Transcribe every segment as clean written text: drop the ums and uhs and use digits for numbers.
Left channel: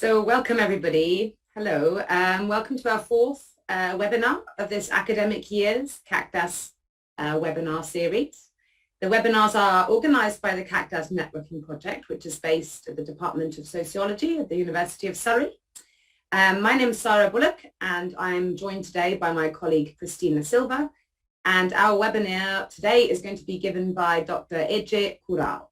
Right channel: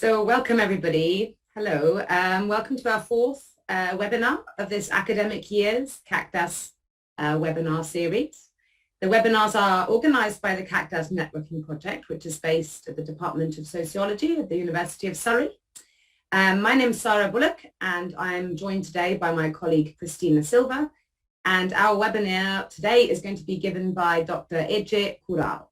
So welcome everybody. Hello. Welcome to our fourth webinar of this academic year's CAQDAS webinar series. The webinars are organized by the CAQDAS Networking Project, which is based at the Department of Sociology at the University of Surrey. My name is Sarah Bullock and I'm joined today by my colleague Christina Silva. And our webinar today is going to be given by Dr Ece Kural.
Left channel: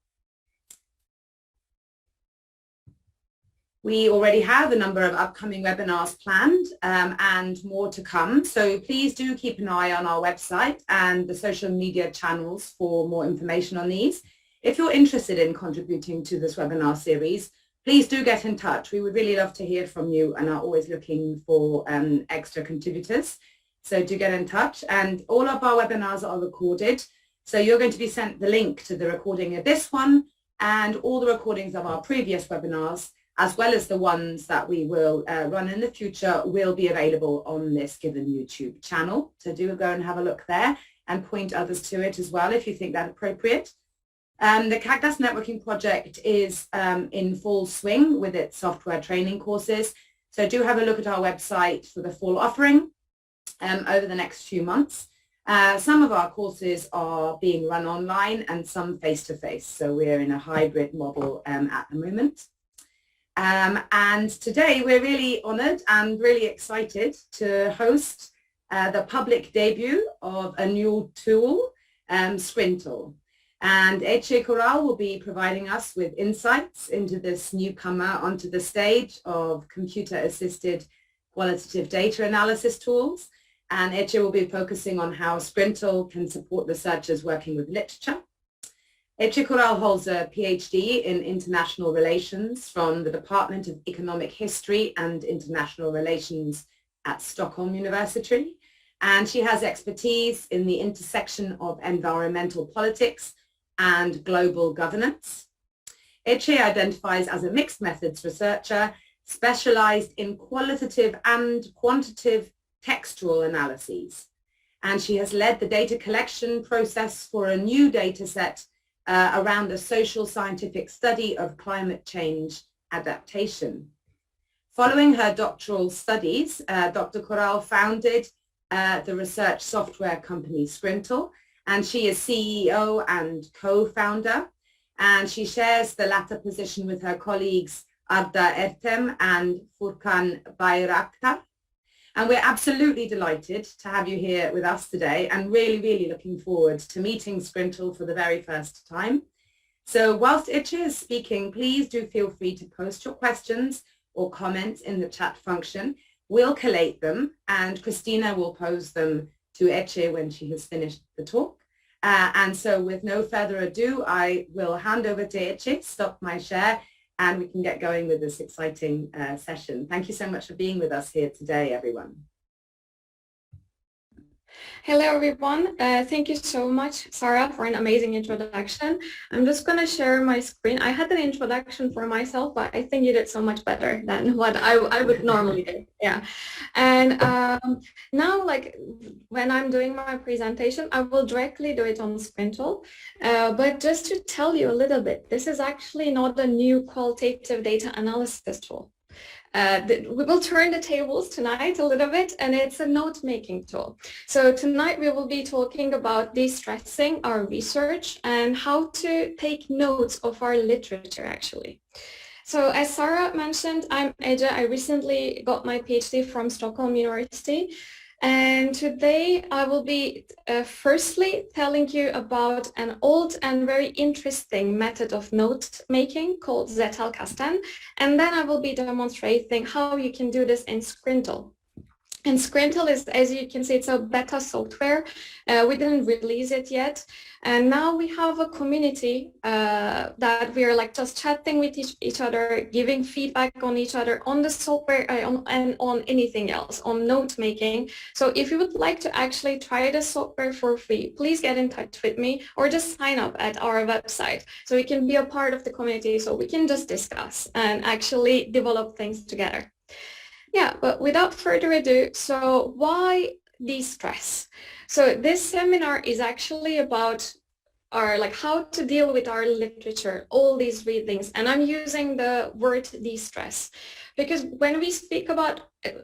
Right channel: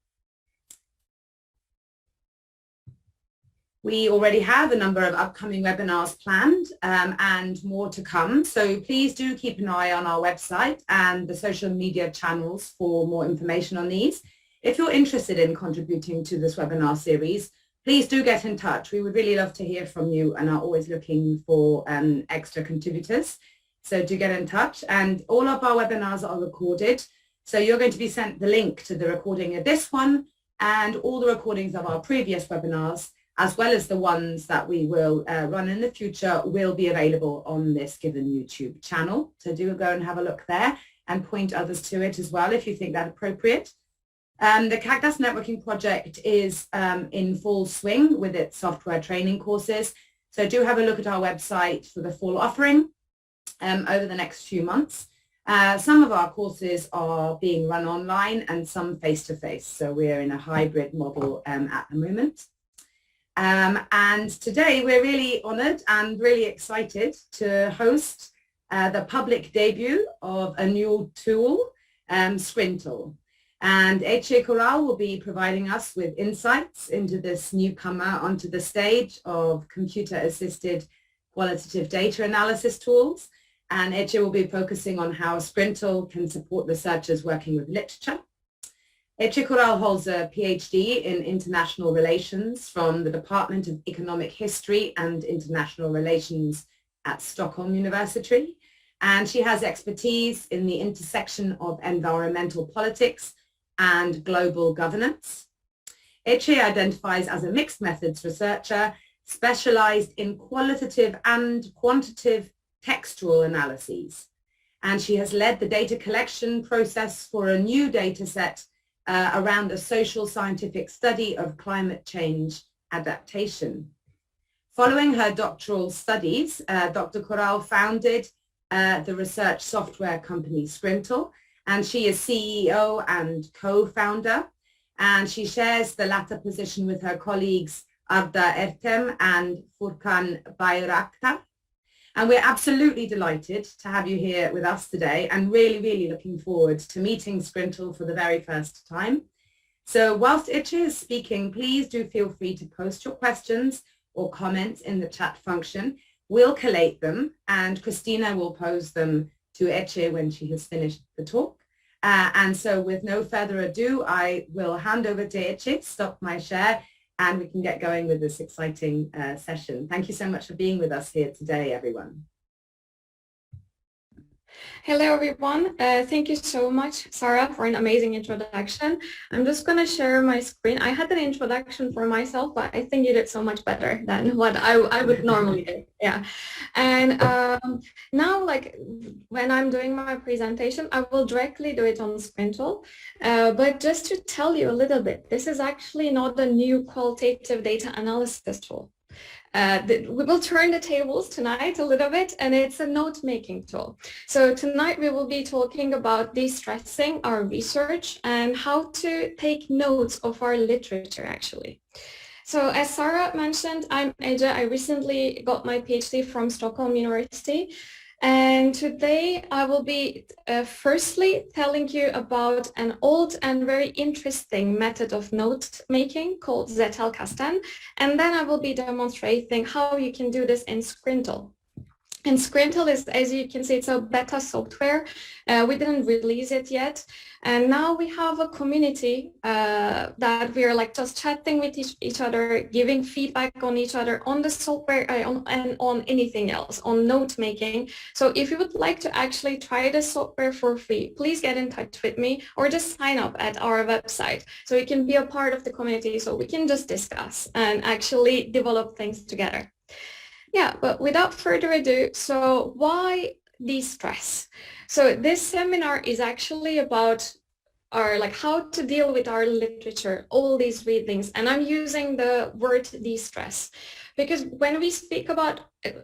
We already have a number of upcoming webinars planned and more to come. So please do keep an eye on our website and the social media channels for more information on these. If you're interested in contributing to this webinar series, please do get in touch. We would really love to hear from you and are always looking for extra contributors. So do get in touch. And all of our webinars are recorded. So you're going to be sent the link to the recording of this one and all the recordings of our previous webinars, as well as the ones that we will run in the future, will be available on this given YouTube channel. So do go and have a look there and point others to it as well if you think that appropriate. The CAQDAS Networking Project is in full swing with its software training courses. So do have a look at our website for the full offering over the next few months. Some of our courses are being run online and some face-to-face. So we're in a hybrid model at the moment. And today we're really honored and really excited to host the public debut of a new tool, Scrintal. And Ece Kural will be providing us with insights into this newcomer onto the stage of computer-assisted qualitative data analysis tools. And Ece will be focusing on how Scrintal can support researchers working with literature. Ece Kural holds a PhD in International Relations from the Department of Economic History and International Relations at Stockholm University, and she has expertise in the intersection of environmental politics and global governance. Ece identifies as a mixed methods researcher specialized in qualitative and quantitative textual analyses, and she has led the data collection process for a new data set around a social scientific study of climate change adaptation. Following her doctoral studies, Dr. Kural founded the research software company Scrintal, and she is CEO and co-founder, and she shares the latter position with her colleagues Arda Ertem and Furkan Bayraktar. And we're absolutely delighted to have you here with us today and really looking forward to meeting Scrintal for the very first time. So whilst Ece is speaking, please do feel free to post your questions or comments in the chat function. We'll collate them and Christina will pose them to Ece when she has finished the talk. And so with no further ado, I will hand over to Ece, stop my share, and we can get going with this exciting session. Thank you so much for being with us here today, everyone. Hello, everyone. Thank you so much, Sarah, for an amazing introduction. I'm just going to share my screen. I had an introduction for myself, but I think you did so much better than what I would normally do. Yeah. And now, like, when I'm doing my presentation, I will directly do it on Scrintal. But just to tell you a little bit, this is actually not a new qualitative data analysis tool. We will turn the tables tonight a little bit, and it's a note-making tool. So tonight we will be talking about de-stressing our research and how to take notes of our literature, actually. So as Sarah mentioned, I'm Ece. I recently got my PhD from Stockholm University. And today I will be firstly telling you about an old and very interesting method of note making called Zettelkasten. And then I will be demonstrating how you can do this in Scrintal. And Scrintal is, as you can see, it's a beta software. We didn't release it yet. And now we have a community that we are like just chatting with each other, giving feedback on each other, on the software and on anything else, on note making. So if you would like to actually try the software for free, please get in touch with me or just sign up at our website so you can be a part of the community, so we can just discuss and actually develop things together. Yeah, but without further ado, so why de-stress? So this seminar is actually about our, like how to deal with our literature, all these readings. And I'm using the word de-stress because when we speak about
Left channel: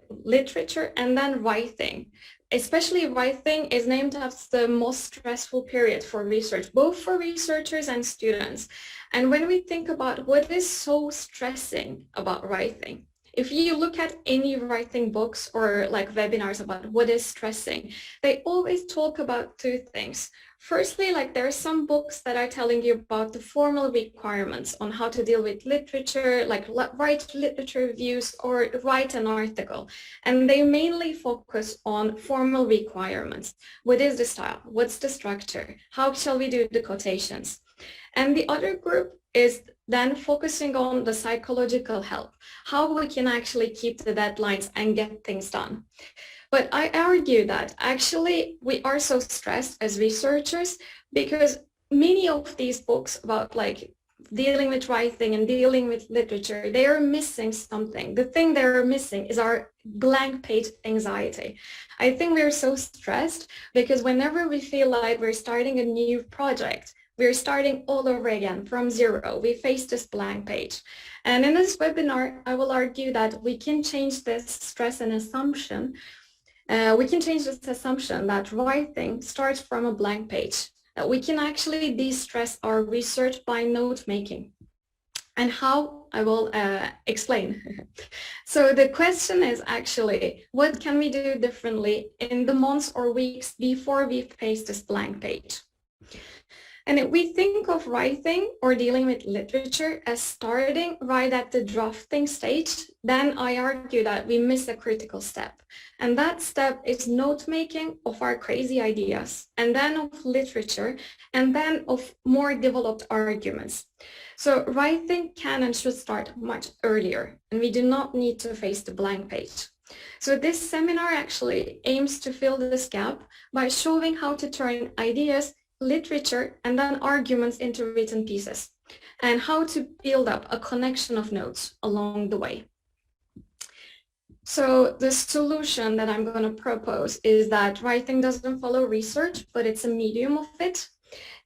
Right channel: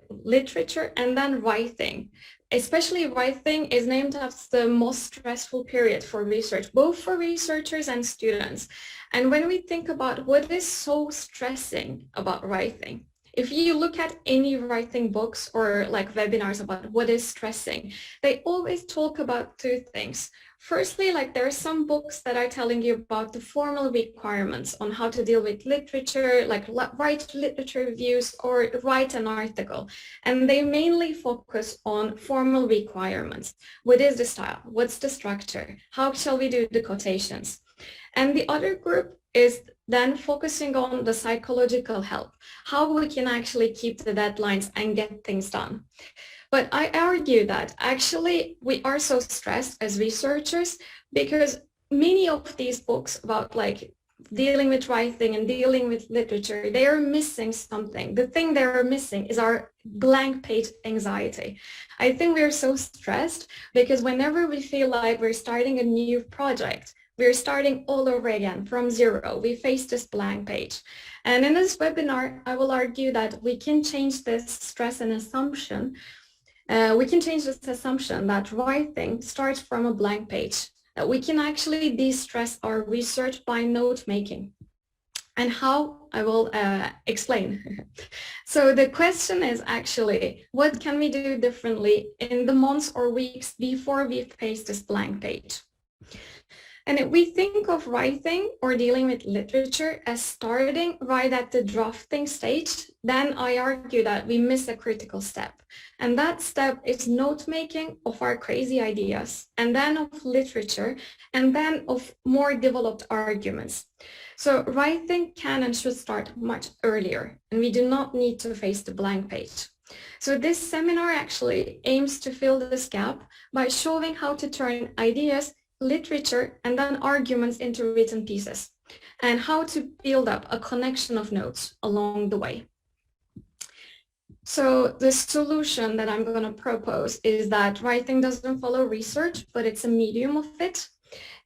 literature and then writing, especially writing is named as the most stressful period for research, both for researchers and students. And when we think about what is so stressing about writing, if you look at any writing books or like webinars about what is stressing, they always talk about two things. Firstly, like there are some books that are telling you about the formal requirements on how to deal with literature, like write literature reviews or write an article. And they mainly focus on formal requirements. What is the style? What's the structure? How shall we do the quotations? And the other group is then focusing on the psychological help, how we can actually keep the deadlines and get things done. But I argue that actually we are so stressed as researchers because many of these books about like dealing with writing and dealing with literature, they are missing something. The thing they are missing is our blank page anxiety. I think we're so stressed because whenever we feel like we're starting a new project, we're starting all over again from zero. We face this blank page. And in this webinar, I will argue that we can change this stress and assumption. We can change this assumption that writing starts from a blank page, that we can actually de-stress our research by note making. And how, I will explain. So the question is actually, what can we do differently in the months or weeks before we face this blank page? And if we think of writing or dealing with literature as starting right at the drafting stage, then I argue that we miss a critical step. And that step is note-making of our crazy ideas, and then of literature, and then of more developed arguments. So writing can and should start much earlier, and we do not need to face the blank page. So this seminar actually aims to fill this gap by showing how to turn ideas, literature, and then arguments into written pieces, and how to build up a connection of notes along the way. So the solution that I'm going to propose is that writing doesn't follow research, but it's a medium of it.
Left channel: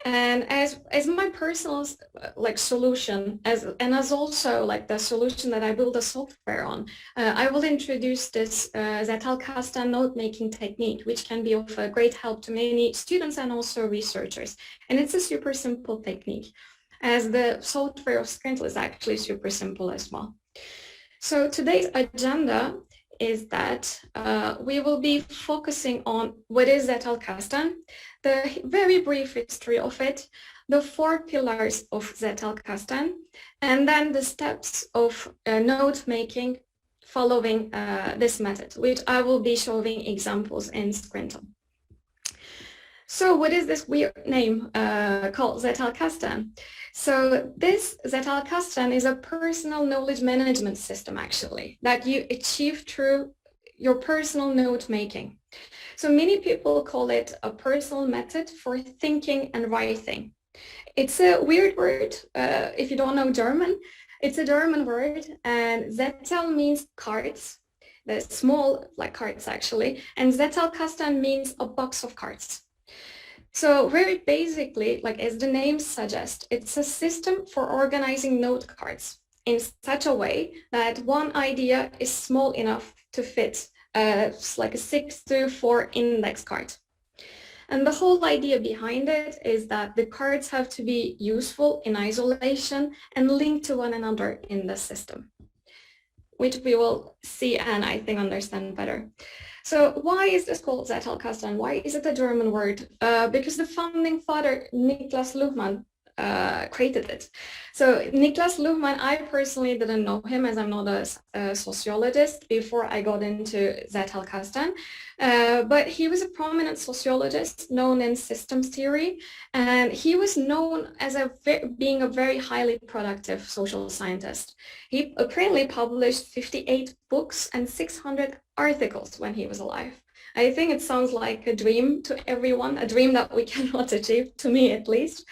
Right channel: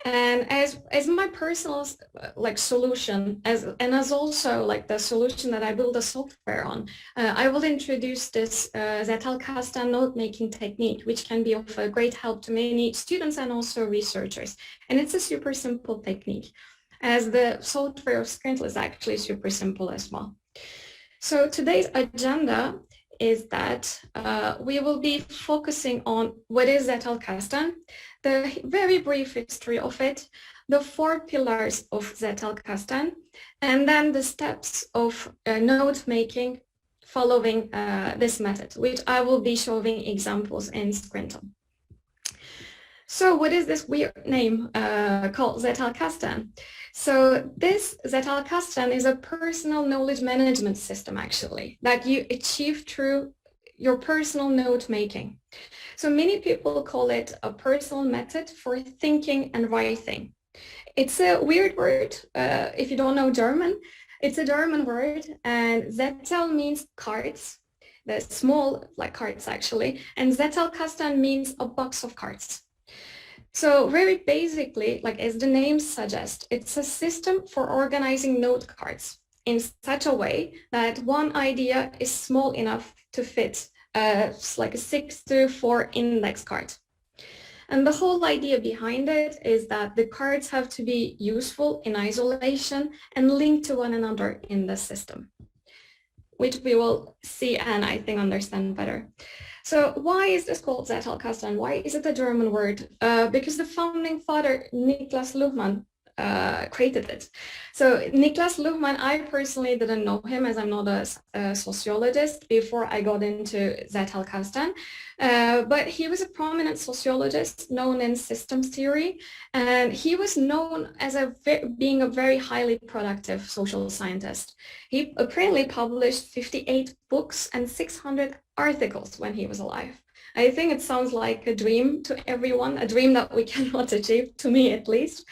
And as my personal like solution, as also like the solution that I build a software on, I will introduce this Zettelkasten note-making technique, which can be of a great help to many students and also researchers. And it's a super simple technique, as the software of Scrintal is actually super simple as well. So today's agenda is that we will be focusing on what is Zettelkasten, the very brief history of it, the 4 pillars of Zettelkasten, and then the steps of note making following this method, which I will be showing examples in Scrintal. So what is this weird name called Zettelkasten? So this Zettelkasten is a personal knowledge management system actually that you achieve through your personal note making. So many people call it a personal method for thinking and writing. It's a weird word if you don't know German. It's a German word, and Zettel means cards, the small like cards actually, and Zettelkasten means a box of cards. So very basically, like as the name suggests, it's a system for organizing note cards in such a way that one idea is small enough to fit like a 6-4 index card. And the whole idea behind it is that the cards have to be useful in isolation and linked to one another in the system, which we will see and I think understand better. So why is this called Zettelkasten? Why is it a German word? Because the founding father, Niklas Luhmann, created it. So Niklas Luhmann, I personally didn't know him as I'm not a sociologist before I got into Zettelkasten, but he was a prominent sociologist known in systems theory, and he was known as being a very highly productive social scientist. He apparently published 58 books and 600 articles when he was alive. I think it sounds like a dream to everyone, a dream that we cannot achieve, to me at least.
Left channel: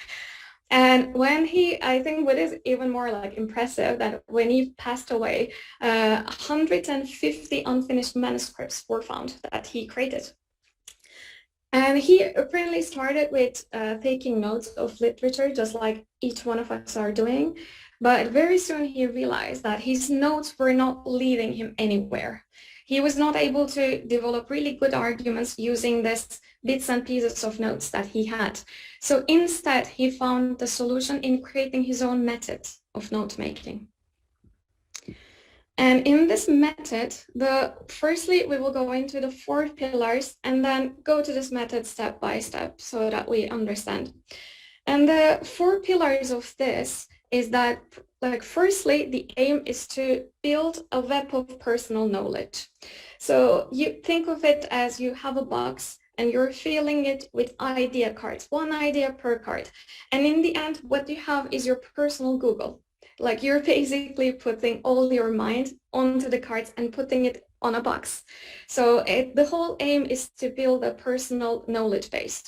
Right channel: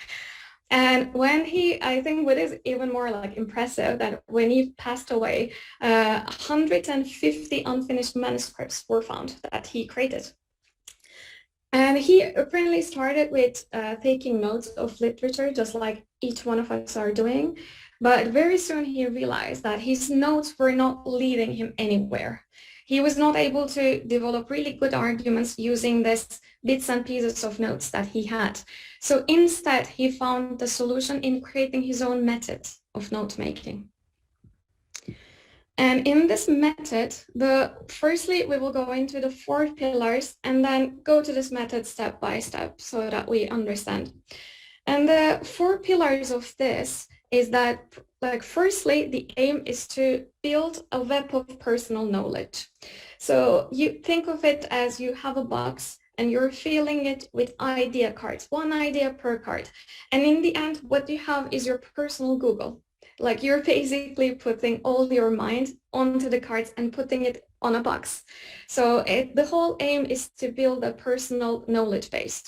And when I think what is even more like impressive that when he passed away, 150 unfinished manuscripts were found that he created. And he apparently started with taking notes of literature, just like each one of us are doing. But very soon he realized that his notes were not leading him anywhere. He was not able to develop really good arguments using this bits and pieces of notes that he had. So instead, he found the solution in creating his own method of note making. And in this method, firstly, we will go into the 4 pillars and then go to this method step by step so that we understand. And the 4 pillars of this is that, like, firstly, the aim is to build a web of personal knowledge. So you think of it as you have a box and you're filling it with idea cards, 1 idea per card. And in the end, what you have is your personal Google. Like, you're basically putting all your mind onto the cards and putting it on a box. So the whole aim is to build a personal knowledge base.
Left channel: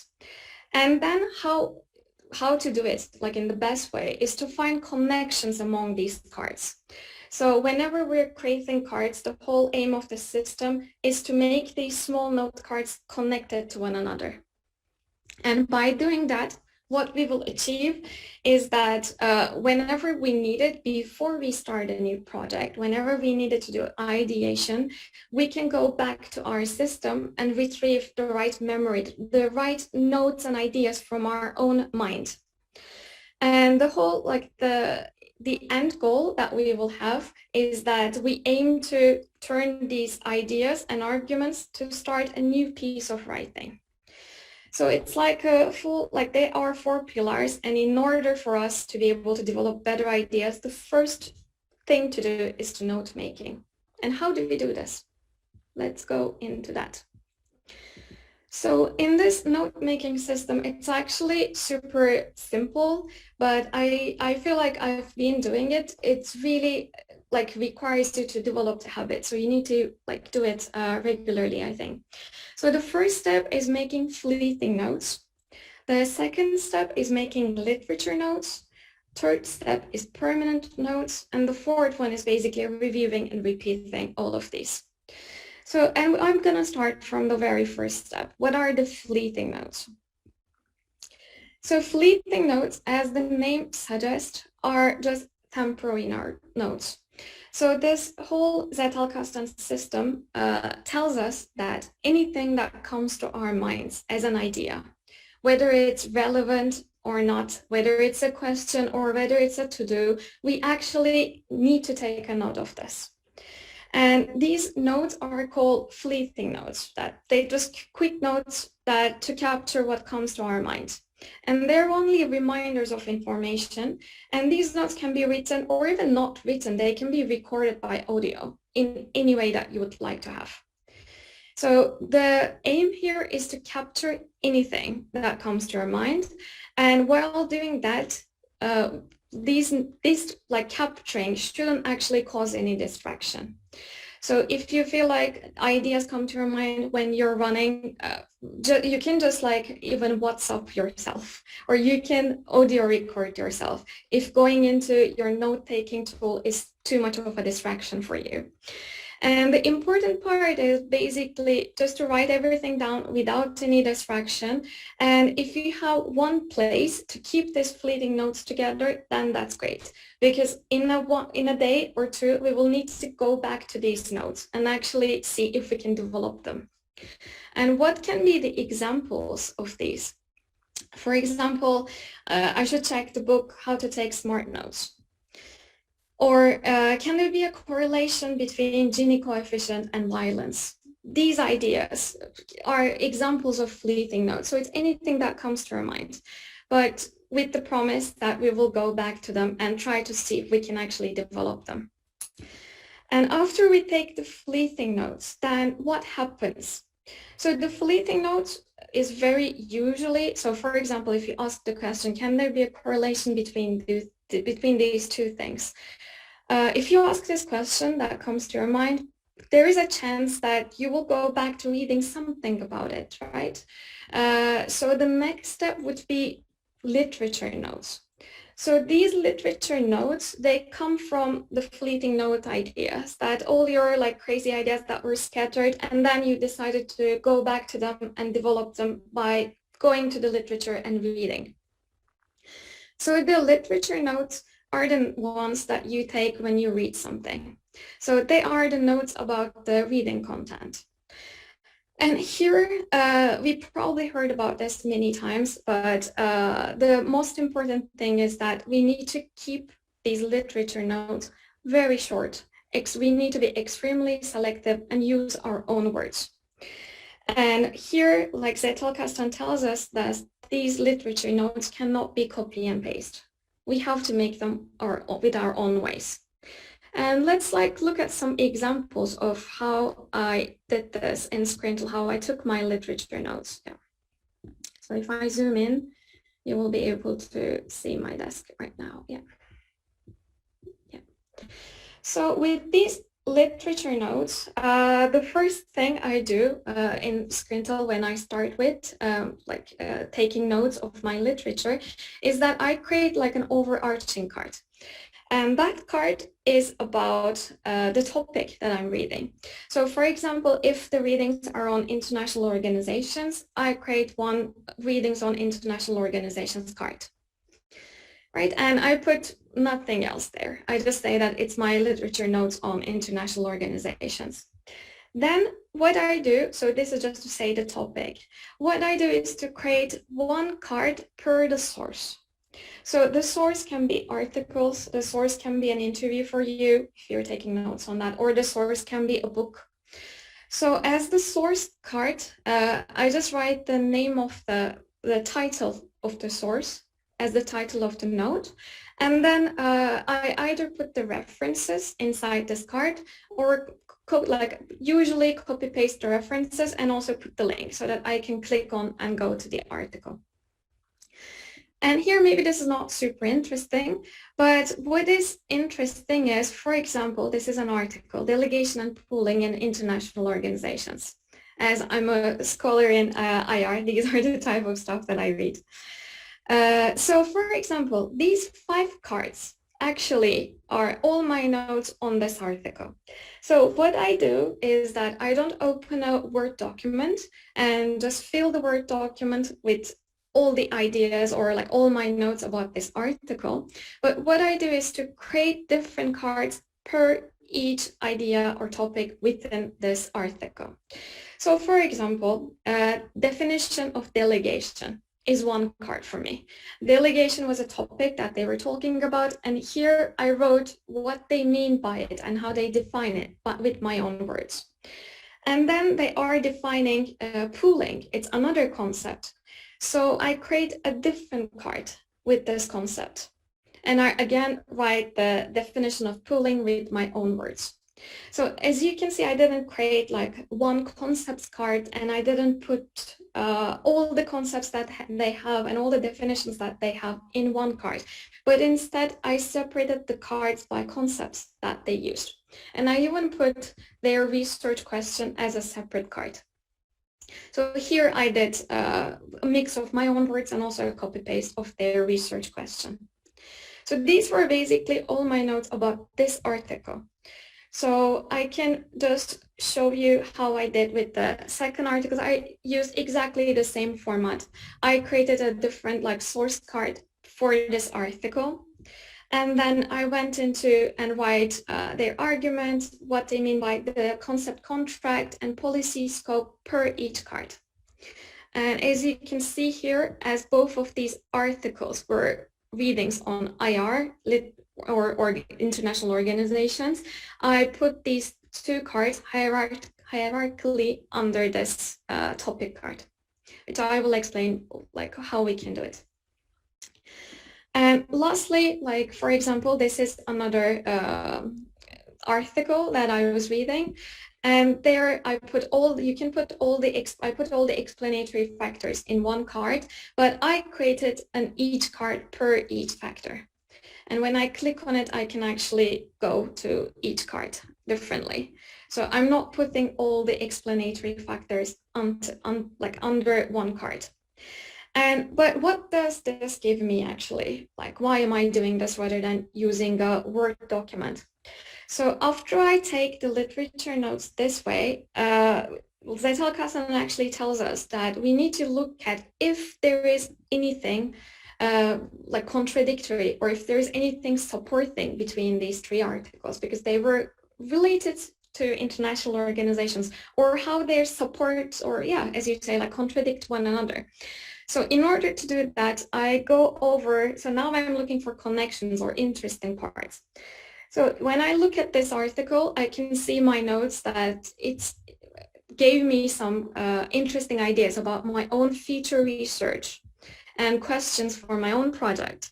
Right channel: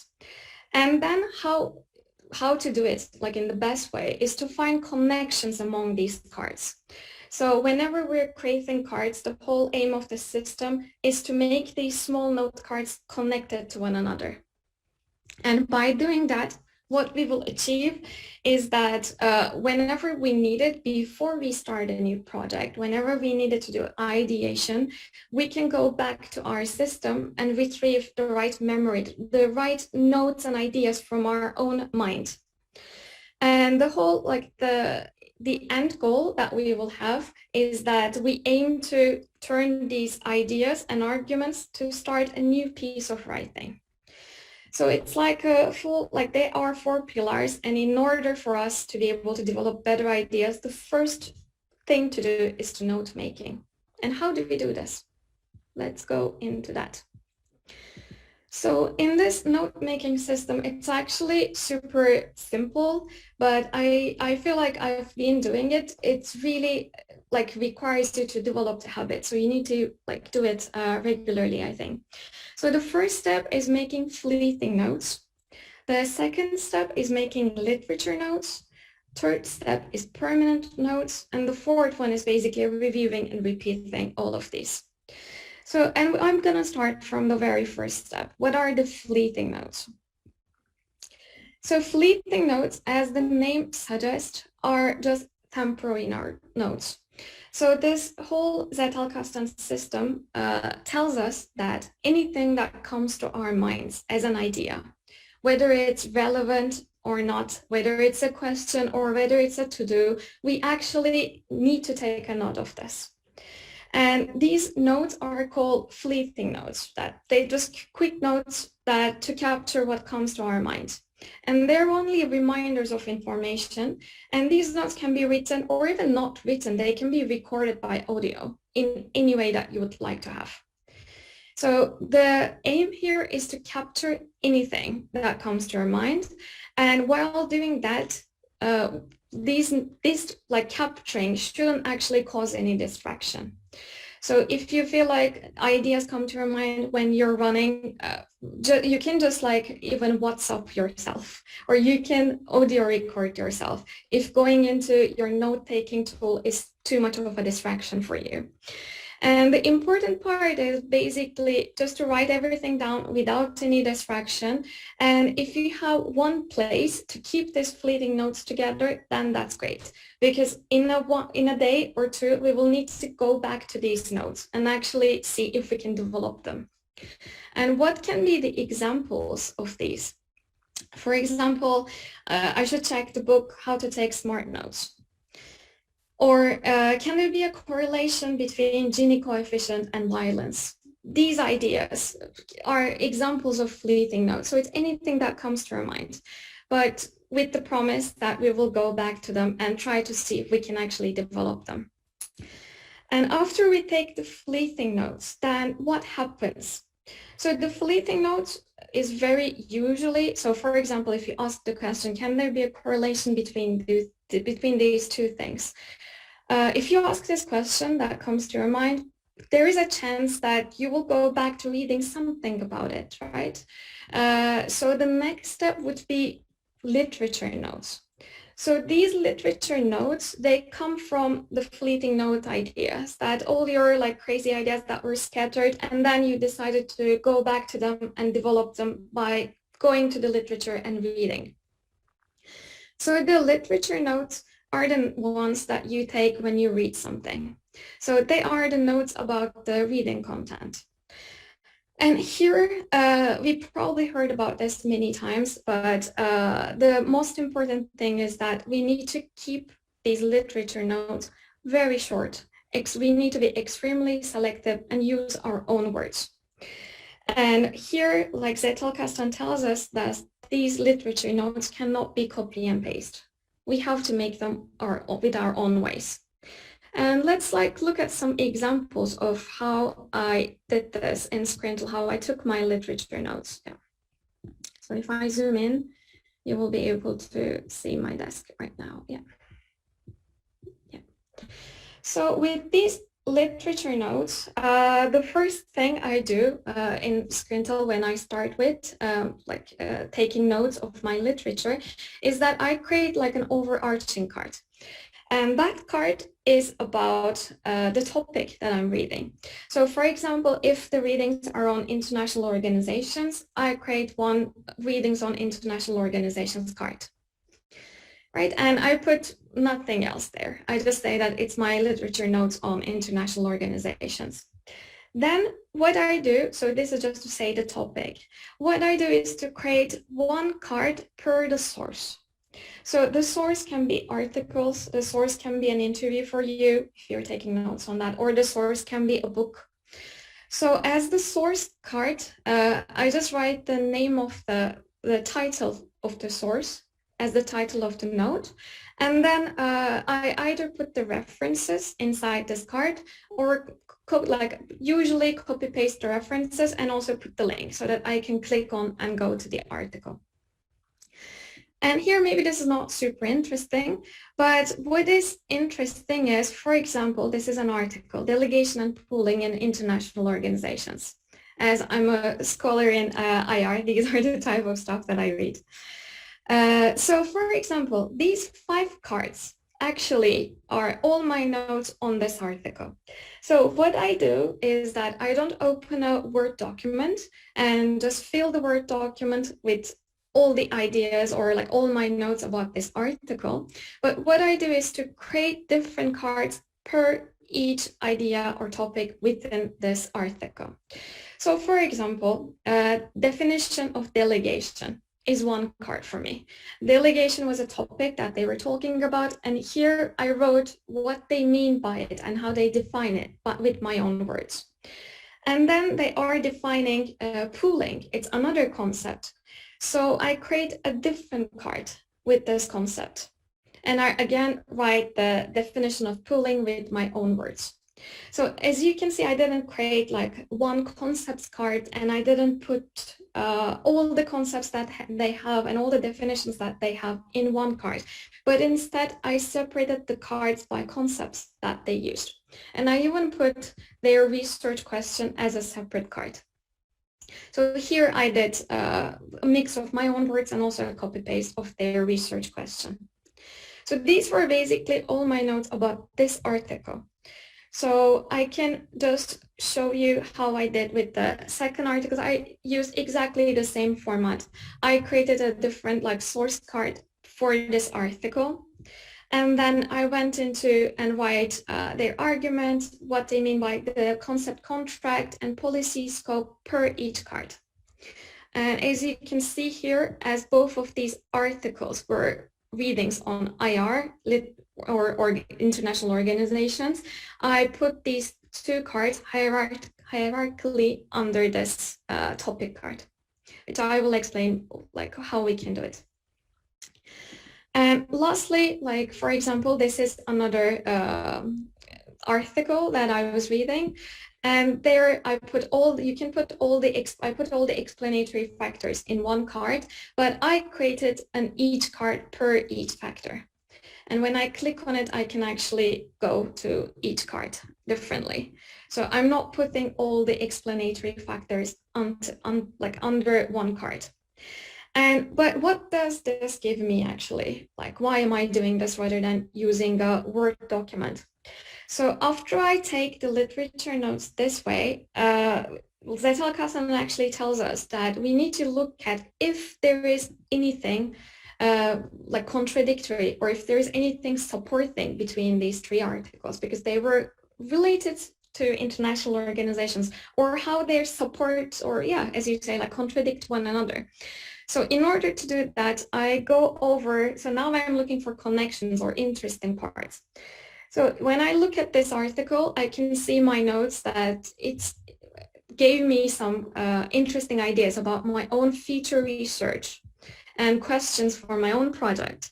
And then how to do it, like in the best way, is to find connections among these cards. So whenever we're creating cards, the whole aim of the system is to make these small note cards connected to one another. And by doing that, what we will achieve is that whenever we need it, before we start a new project, whenever we needed to do ideation, we can go back to our system and retrieve the right memory, the right notes and ideas from our own mind. And the whole, like the end goal that we will have is that we aim to turn these ideas and arguments to start a new piece of writing. So it's like a full, like they are 4 pillars. And in order for us to be able to develop better ideas, the first thing to do is to note making. And how do we do this? Let's go into that. So in this note-making system, it's actually super simple, but I feel like I've been doing it. It's really like requires you to develop the habit. So you need to like do it regularly, I think. So the first step is making fleeting notes. The second step is making literature notes. Third step is permanent notes. And the fourth one is basically reviewing and repeating all of these. So, and I'm going to start from the very first step. What are the fleeting notes? So fleeting notes, as the name suggests, are just temporary notes. So this whole Zettelkasten system tells us that anything that comes to our minds as an idea, whether it's relevant or not, whether it's a question or whether it's a to-do, we actually need to take a note of this. And these notes are called fleeting notes, that they just quick notes that to capture what comes to our mind. And they're only reminders of information. And these notes can be written or even not written. They can be recorded by audio in any way that you would like to have. So the aim here is to capture anything that comes to your mind. And while doing that, these like capturing shouldn't actually cause any distraction. So if you feel like ideas come to your mind when you're running, you can just like even WhatsApp yourself, or you can audio record yourself if going into your note-taking tool is too much of a distraction for you. And the important part is basically just to write everything down without any distraction. And if you have one place to keep these fleeting notes together, then that's great. Because in a day or two, we will need to go back to these notes and actually see if we can develop them. And what can be the examples of these? For example, I should check the book, How to Take Smart Notes. Or can there be a correlation between Gini coefficient and violence? These ideas are examples of fleeting notes. So it's anything that comes to our mind, but with the promise that we will go back to them and try to see if we can actually develop them. And after we take the fleeting notes, then what happens? So the fleeting notes is very usually, so for example, if you ask the question, can there be a correlation between these two things? If you ask this question that comes to your mind, there is a chance that you will go back to reading something about it, right? So the next step would be literature notes. So these literature notes, they come from the fleeting note ideas, that all your like crazy ideas that were scattered, and then you decided to go back to them and develop them by going to the literature and reading. So the literature notes are the ones that you take when you read something. So they are the notes about the reading content. And here, we probably heard about this many times, but the most important thing is that we need to keep these literature notes very short. We need to be extremely selective and use our own words. And here, like Zettelkasten tells us that these literature notes cannot be copy and paste. We have to make them with our own ways. And let's look at some examples of how I did this in Scrintal, how I took my literature notes. Yeah. So if I zoom in, you will be able to see my desk right now. Yeah. So with these literature notes, the first thing I do in Scrintal when I start with taking notes of my literature is that I create like an overarching card. And that card is about the topic that I'm reading. So for example, if the readings are on international organizations, I create one readings on international organizations card. Right, and I put nothing else there. I just say that it's my literature notes on international organizations. Then what I do, so this is just to say the topic, what I do is to create one card per the source. So the source can be articles, the source can be an interview for you if you're taking notes on that, or the source can be a book. So as the source card, I just write the name of the title of the source as the title of the note. And then I either put the references inside this card or usually copy paste the references and also put the link so that I can click on and go to the article. And here, maybe this is not super interesting, but what is interesting is, for example, this is an article, Delegation and Pooling in International Organizations. As I'm a scholar in IR, these are the type of stuff that I read. So for example, these 5 cards actually are all my notes on this article. So what I do is that I don't open a Word document and just fill the Word document with all the ideas or like all my notes about this article. But what I do is to create different cards per each idea or topic within this article. So for example, definition of delegation is one card for me. Delegation was a topic that they were talking about, and here I wrote what they mean by it and how they define it, but with my own words. And then they are defining pooling. It's another concept. So I create a different card with this concept. And I again write the definition of pooling with my own words. So as you can see, I didn't create like one concepts card, and I didn't put all the concepts that they have and all the definitions that they have in one card. But instead, I separated the cards by concepts that they used. And I even put their research question as a separate card. So here I did a mix of my own words and also a copy-paste of their research question. So these were basically all my notes about this article. So I can just show you how I did with the second article. I used exactly the same format. I created a different source card for this article. And then I went into and write their argument, what they mean by the concept contract and policy scope per each card. And as you can see here, as both of these articles were readings on IR, or international organizations, I put these 2 cards hierarchically under this topic card, which I will explain how we can do it. And lastly, for example, this is another article that I was reading, and there I put all the explanatory factors in one card, but I created an each card per each factor. And when I click on it, I can actually go to each card differently. So I'm not putting all the explanatory factors under one card. But what does this give me actually? Like, why am I doing this rather than using a Word document? So after I take the literature notes this way, Zettelkasten actually tells us that we need to look at if there is anything like contradictory, or if there is anything supporting between these three articles, because they were related to international organizations, or how they support, or yeah, as you say, like contradict one another. So in order to do that, I go over, so now I'm looking for connections or interesting parts. So when I look at this article, I can see my notes that it gave me some interesting ideas about my own feature research and questions for my own project.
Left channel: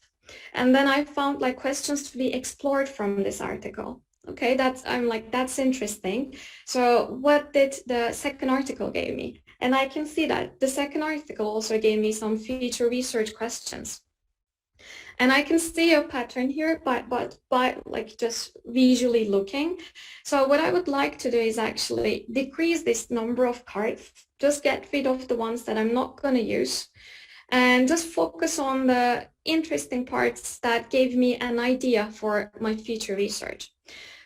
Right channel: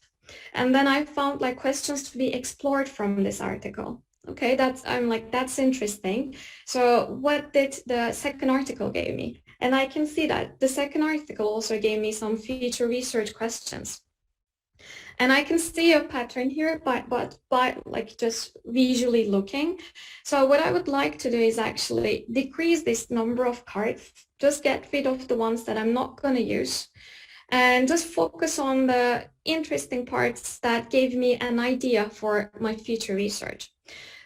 And then I found like questions to be explored from this article. Okay, I'm like, that's interesting. So what did the second article give me? And I can see that the second article also gave me some feature research questions. And I can see a pattern here by like just visually looking. So what I would like to do is actually decrease this number of cards, just get rid of the ones that I'm not going to use, and just focus on the interesting parts that gave me an idea for my future research.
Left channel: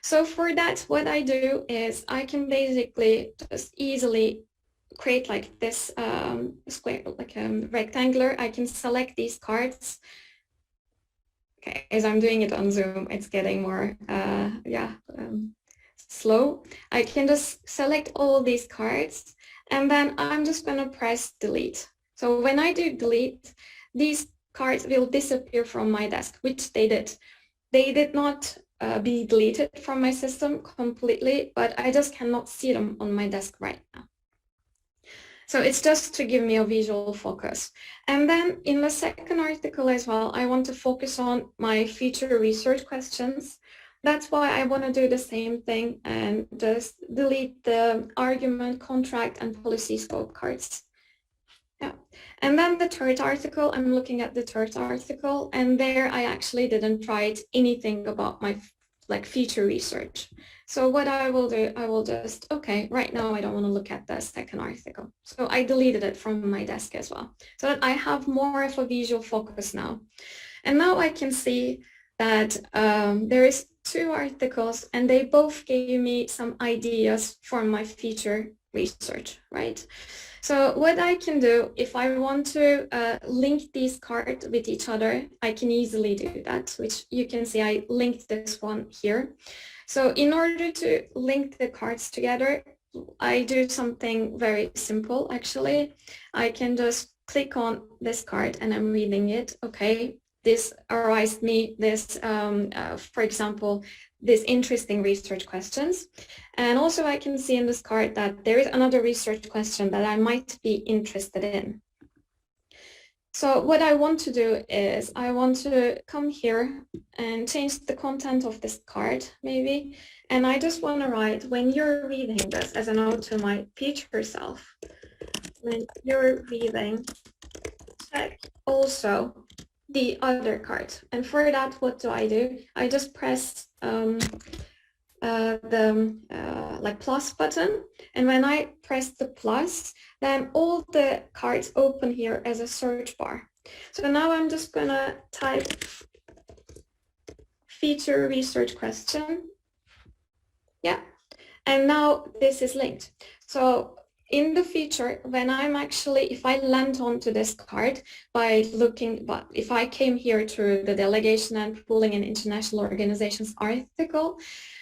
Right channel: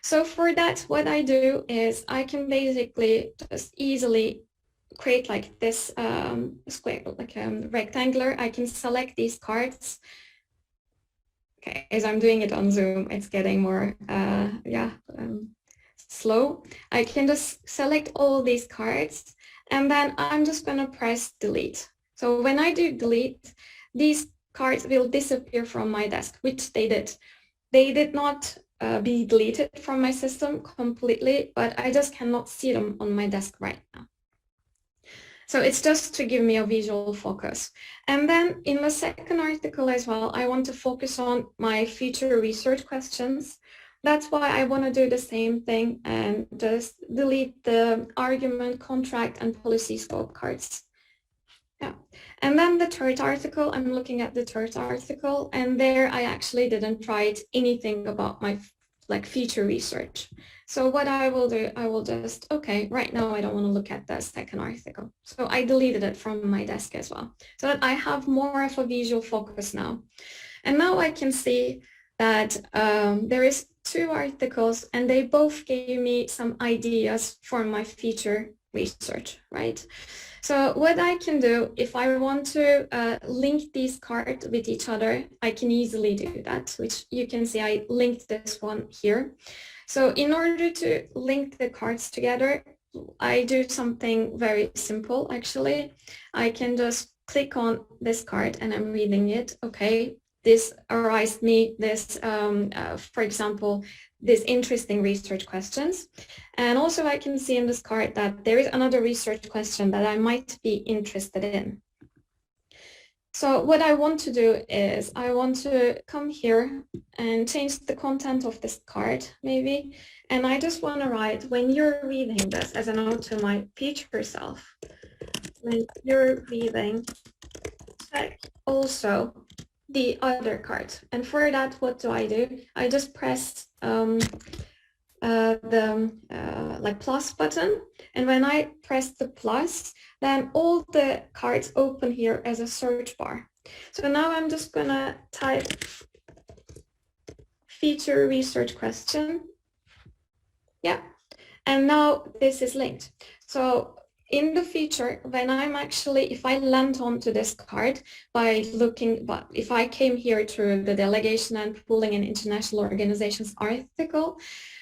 So for that, what I do is I can basically just easily create like this square, like rectangular. I can select these cards. Okay, as I'm doing it on Zoom, it's getting more, slow. I can just select all these cards, and then I'm just going to press delete. So when I do delete, these cards will disappear from my desk, which they did. They did not be deleted from my system completely, but I just cannot see them on my desk right now. So it's just to give me a visual focus. And then in the second article as well, I want to focus on my future research questions. That's why I want to do the same thing and just delete the argument, contract, and policy scope cards. Yeah. And then the third article, I'm looking at the third article, and there I actually didn't write anything about my future research. So what I will do, I will just, okay, right now I don't want to look at the second article. So I deleted it from my desk as well, so that I have more of a visual focus now. And now I can see that there is two articles, and they both gave me some ideas for my future research, right? So what I can do, if I want to link these cards with each other, I can easily do that, which you can see I linked this one here. So in order to link the cards together, I do something very simple, actually. I can just click on this card and I'm reading it. Okay, this arised me this, for example, these interesting research questions. And also I can see in this card that there is another research question that I might be interested in. So what I want to do is I want to come here and change the content of this card maybe. And I just want to write, when you're reading this, as a note to my future self, when you're reading, check also the other card. And for that, what do? I just press the plus button, and when I press the plus, then all the cards open here as a search bar. So now I'm just gonna type feature research question. Yeah, and now this is linked. So in the future, when I'm actually, if I land onto this card by looking, but if I came here to the Delegation and Pooling in International Organizations article,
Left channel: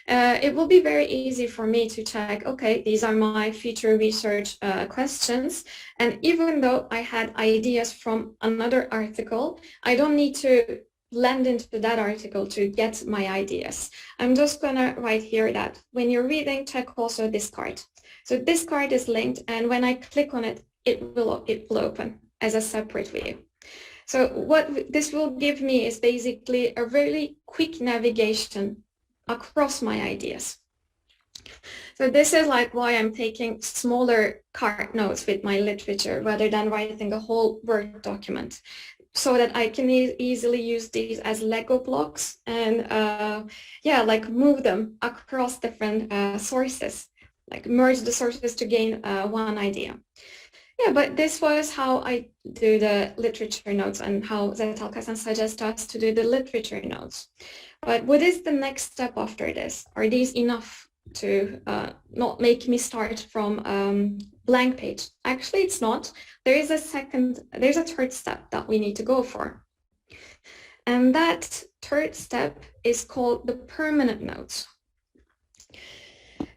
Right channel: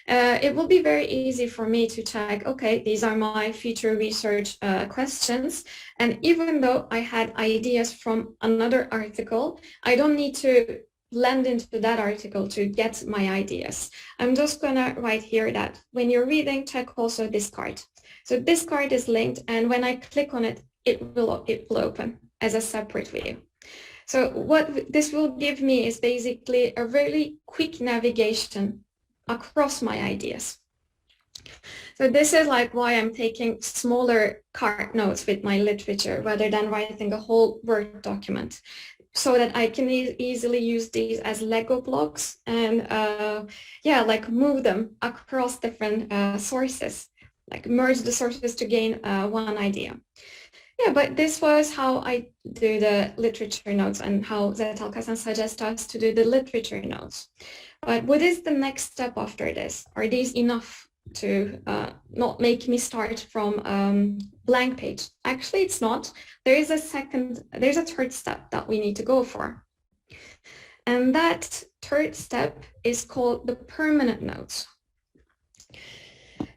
it will be very easy for me to check, okay, these are my future research questions. And even though I had ideas from another article, I don't need to land into that article to get my ideas. I'm just gonna write here that when you're reading, check also this card. So this card is linked, and when I click on it, it will open as a separate view. So what this will give me is basically a really quick navigation across my ideas. So this is like why I'm taking smaller card notes with my literature rather than writing a whole Word document, so that I can easily use these as Lego blocks and like move them across different sources, like merge the sources to gain one idea. Yeah, but this was how I do the literature notes and how Zettelkasten suggests us to do the literature notes. But what is the next step after this? Are these enough to not make me start from blank page? Actually, it's not. There's a third step that we need to go for. And that third step is called the permanent notes.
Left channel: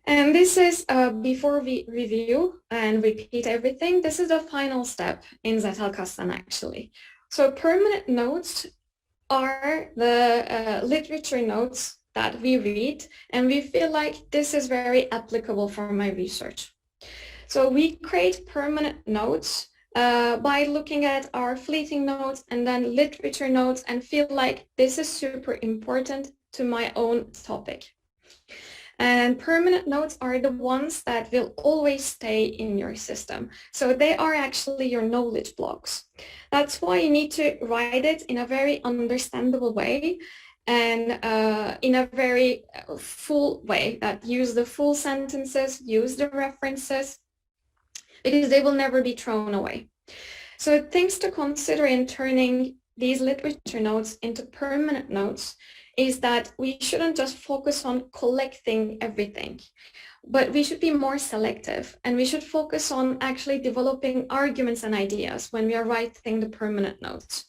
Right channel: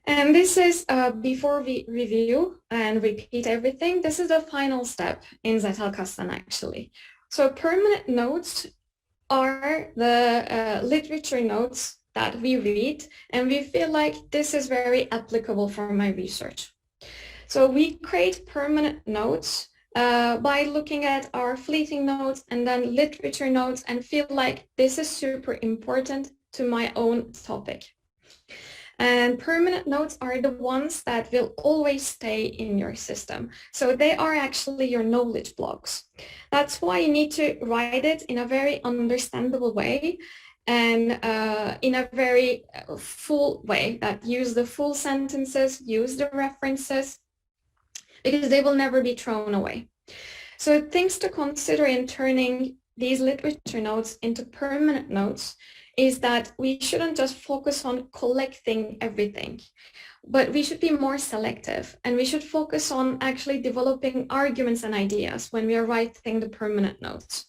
And this is, before we review and repeat everything, this is the final step in Zettelkasten actually. So permanent notes are the literature notes that we read, and we feel like this is very applicable for my research. So we create permanent notes by looking at our fleeting notes and then literature notes and feel like this is super important to my own topic. And permanent notes are the ones that will always stay in your system. So they are actually your knowledge blocks. That's why you need to write it in a very understandable way and in a very full way that use the full sentences, use the references, because they will never be thrown away. So things to consider in turning these literature notes into permanent notes is that we shouldn't just focus on collecting everything, but we should be more selective, and we should focus on actually developing arguments and ideas when we are writing the permanent notes.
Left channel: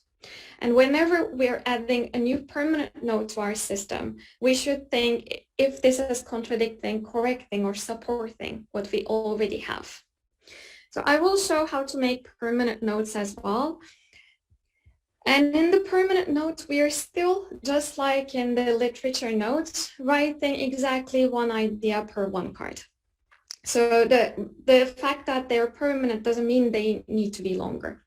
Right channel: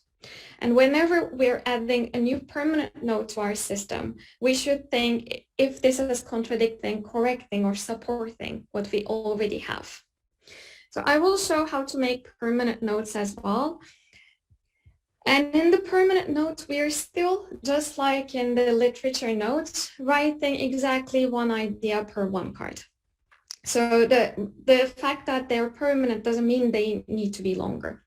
And whenever we're adding a new permanent note to our system, we should think if this is contradicting, correcting, or supporting what we already have. So I will show how to make permanent notes as well. And in the permanent notes, we are still, just like in the literature notes, writing exactly one idea per one card. So the fact that they're permanent doesn't mean they need to be longer.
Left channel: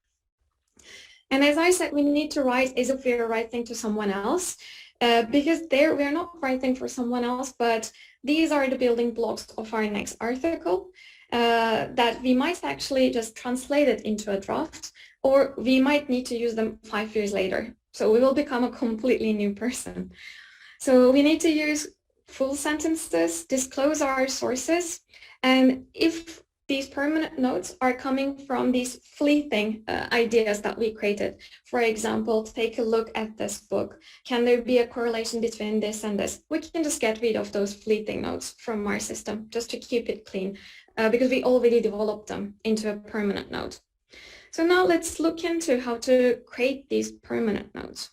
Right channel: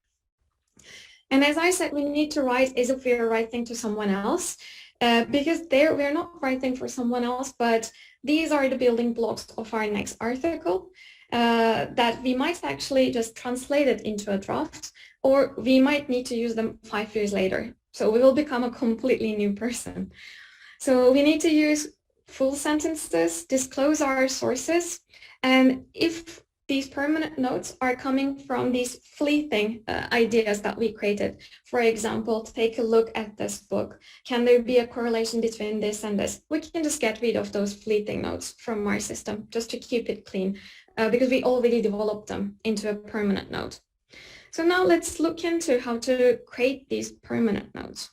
And as I said, we need to write as if we are writing to someone else, because we're not writing for someone else, but these are the building blocks of our next article that we might actually just translate it into a draft, or we might need to use them 5 years later. So we will become a completely new person. So we need to use full sentences, disclose our sources, and if these permanent notes are coming from these fleeting ideas that we created. For example, take a look at this book. Can there be a correlation between this and this? We can just get rid of those fleeting notes from our system just to keep it clean because we already developed them into a permanent note. So now let's look into how to create these permanent notes.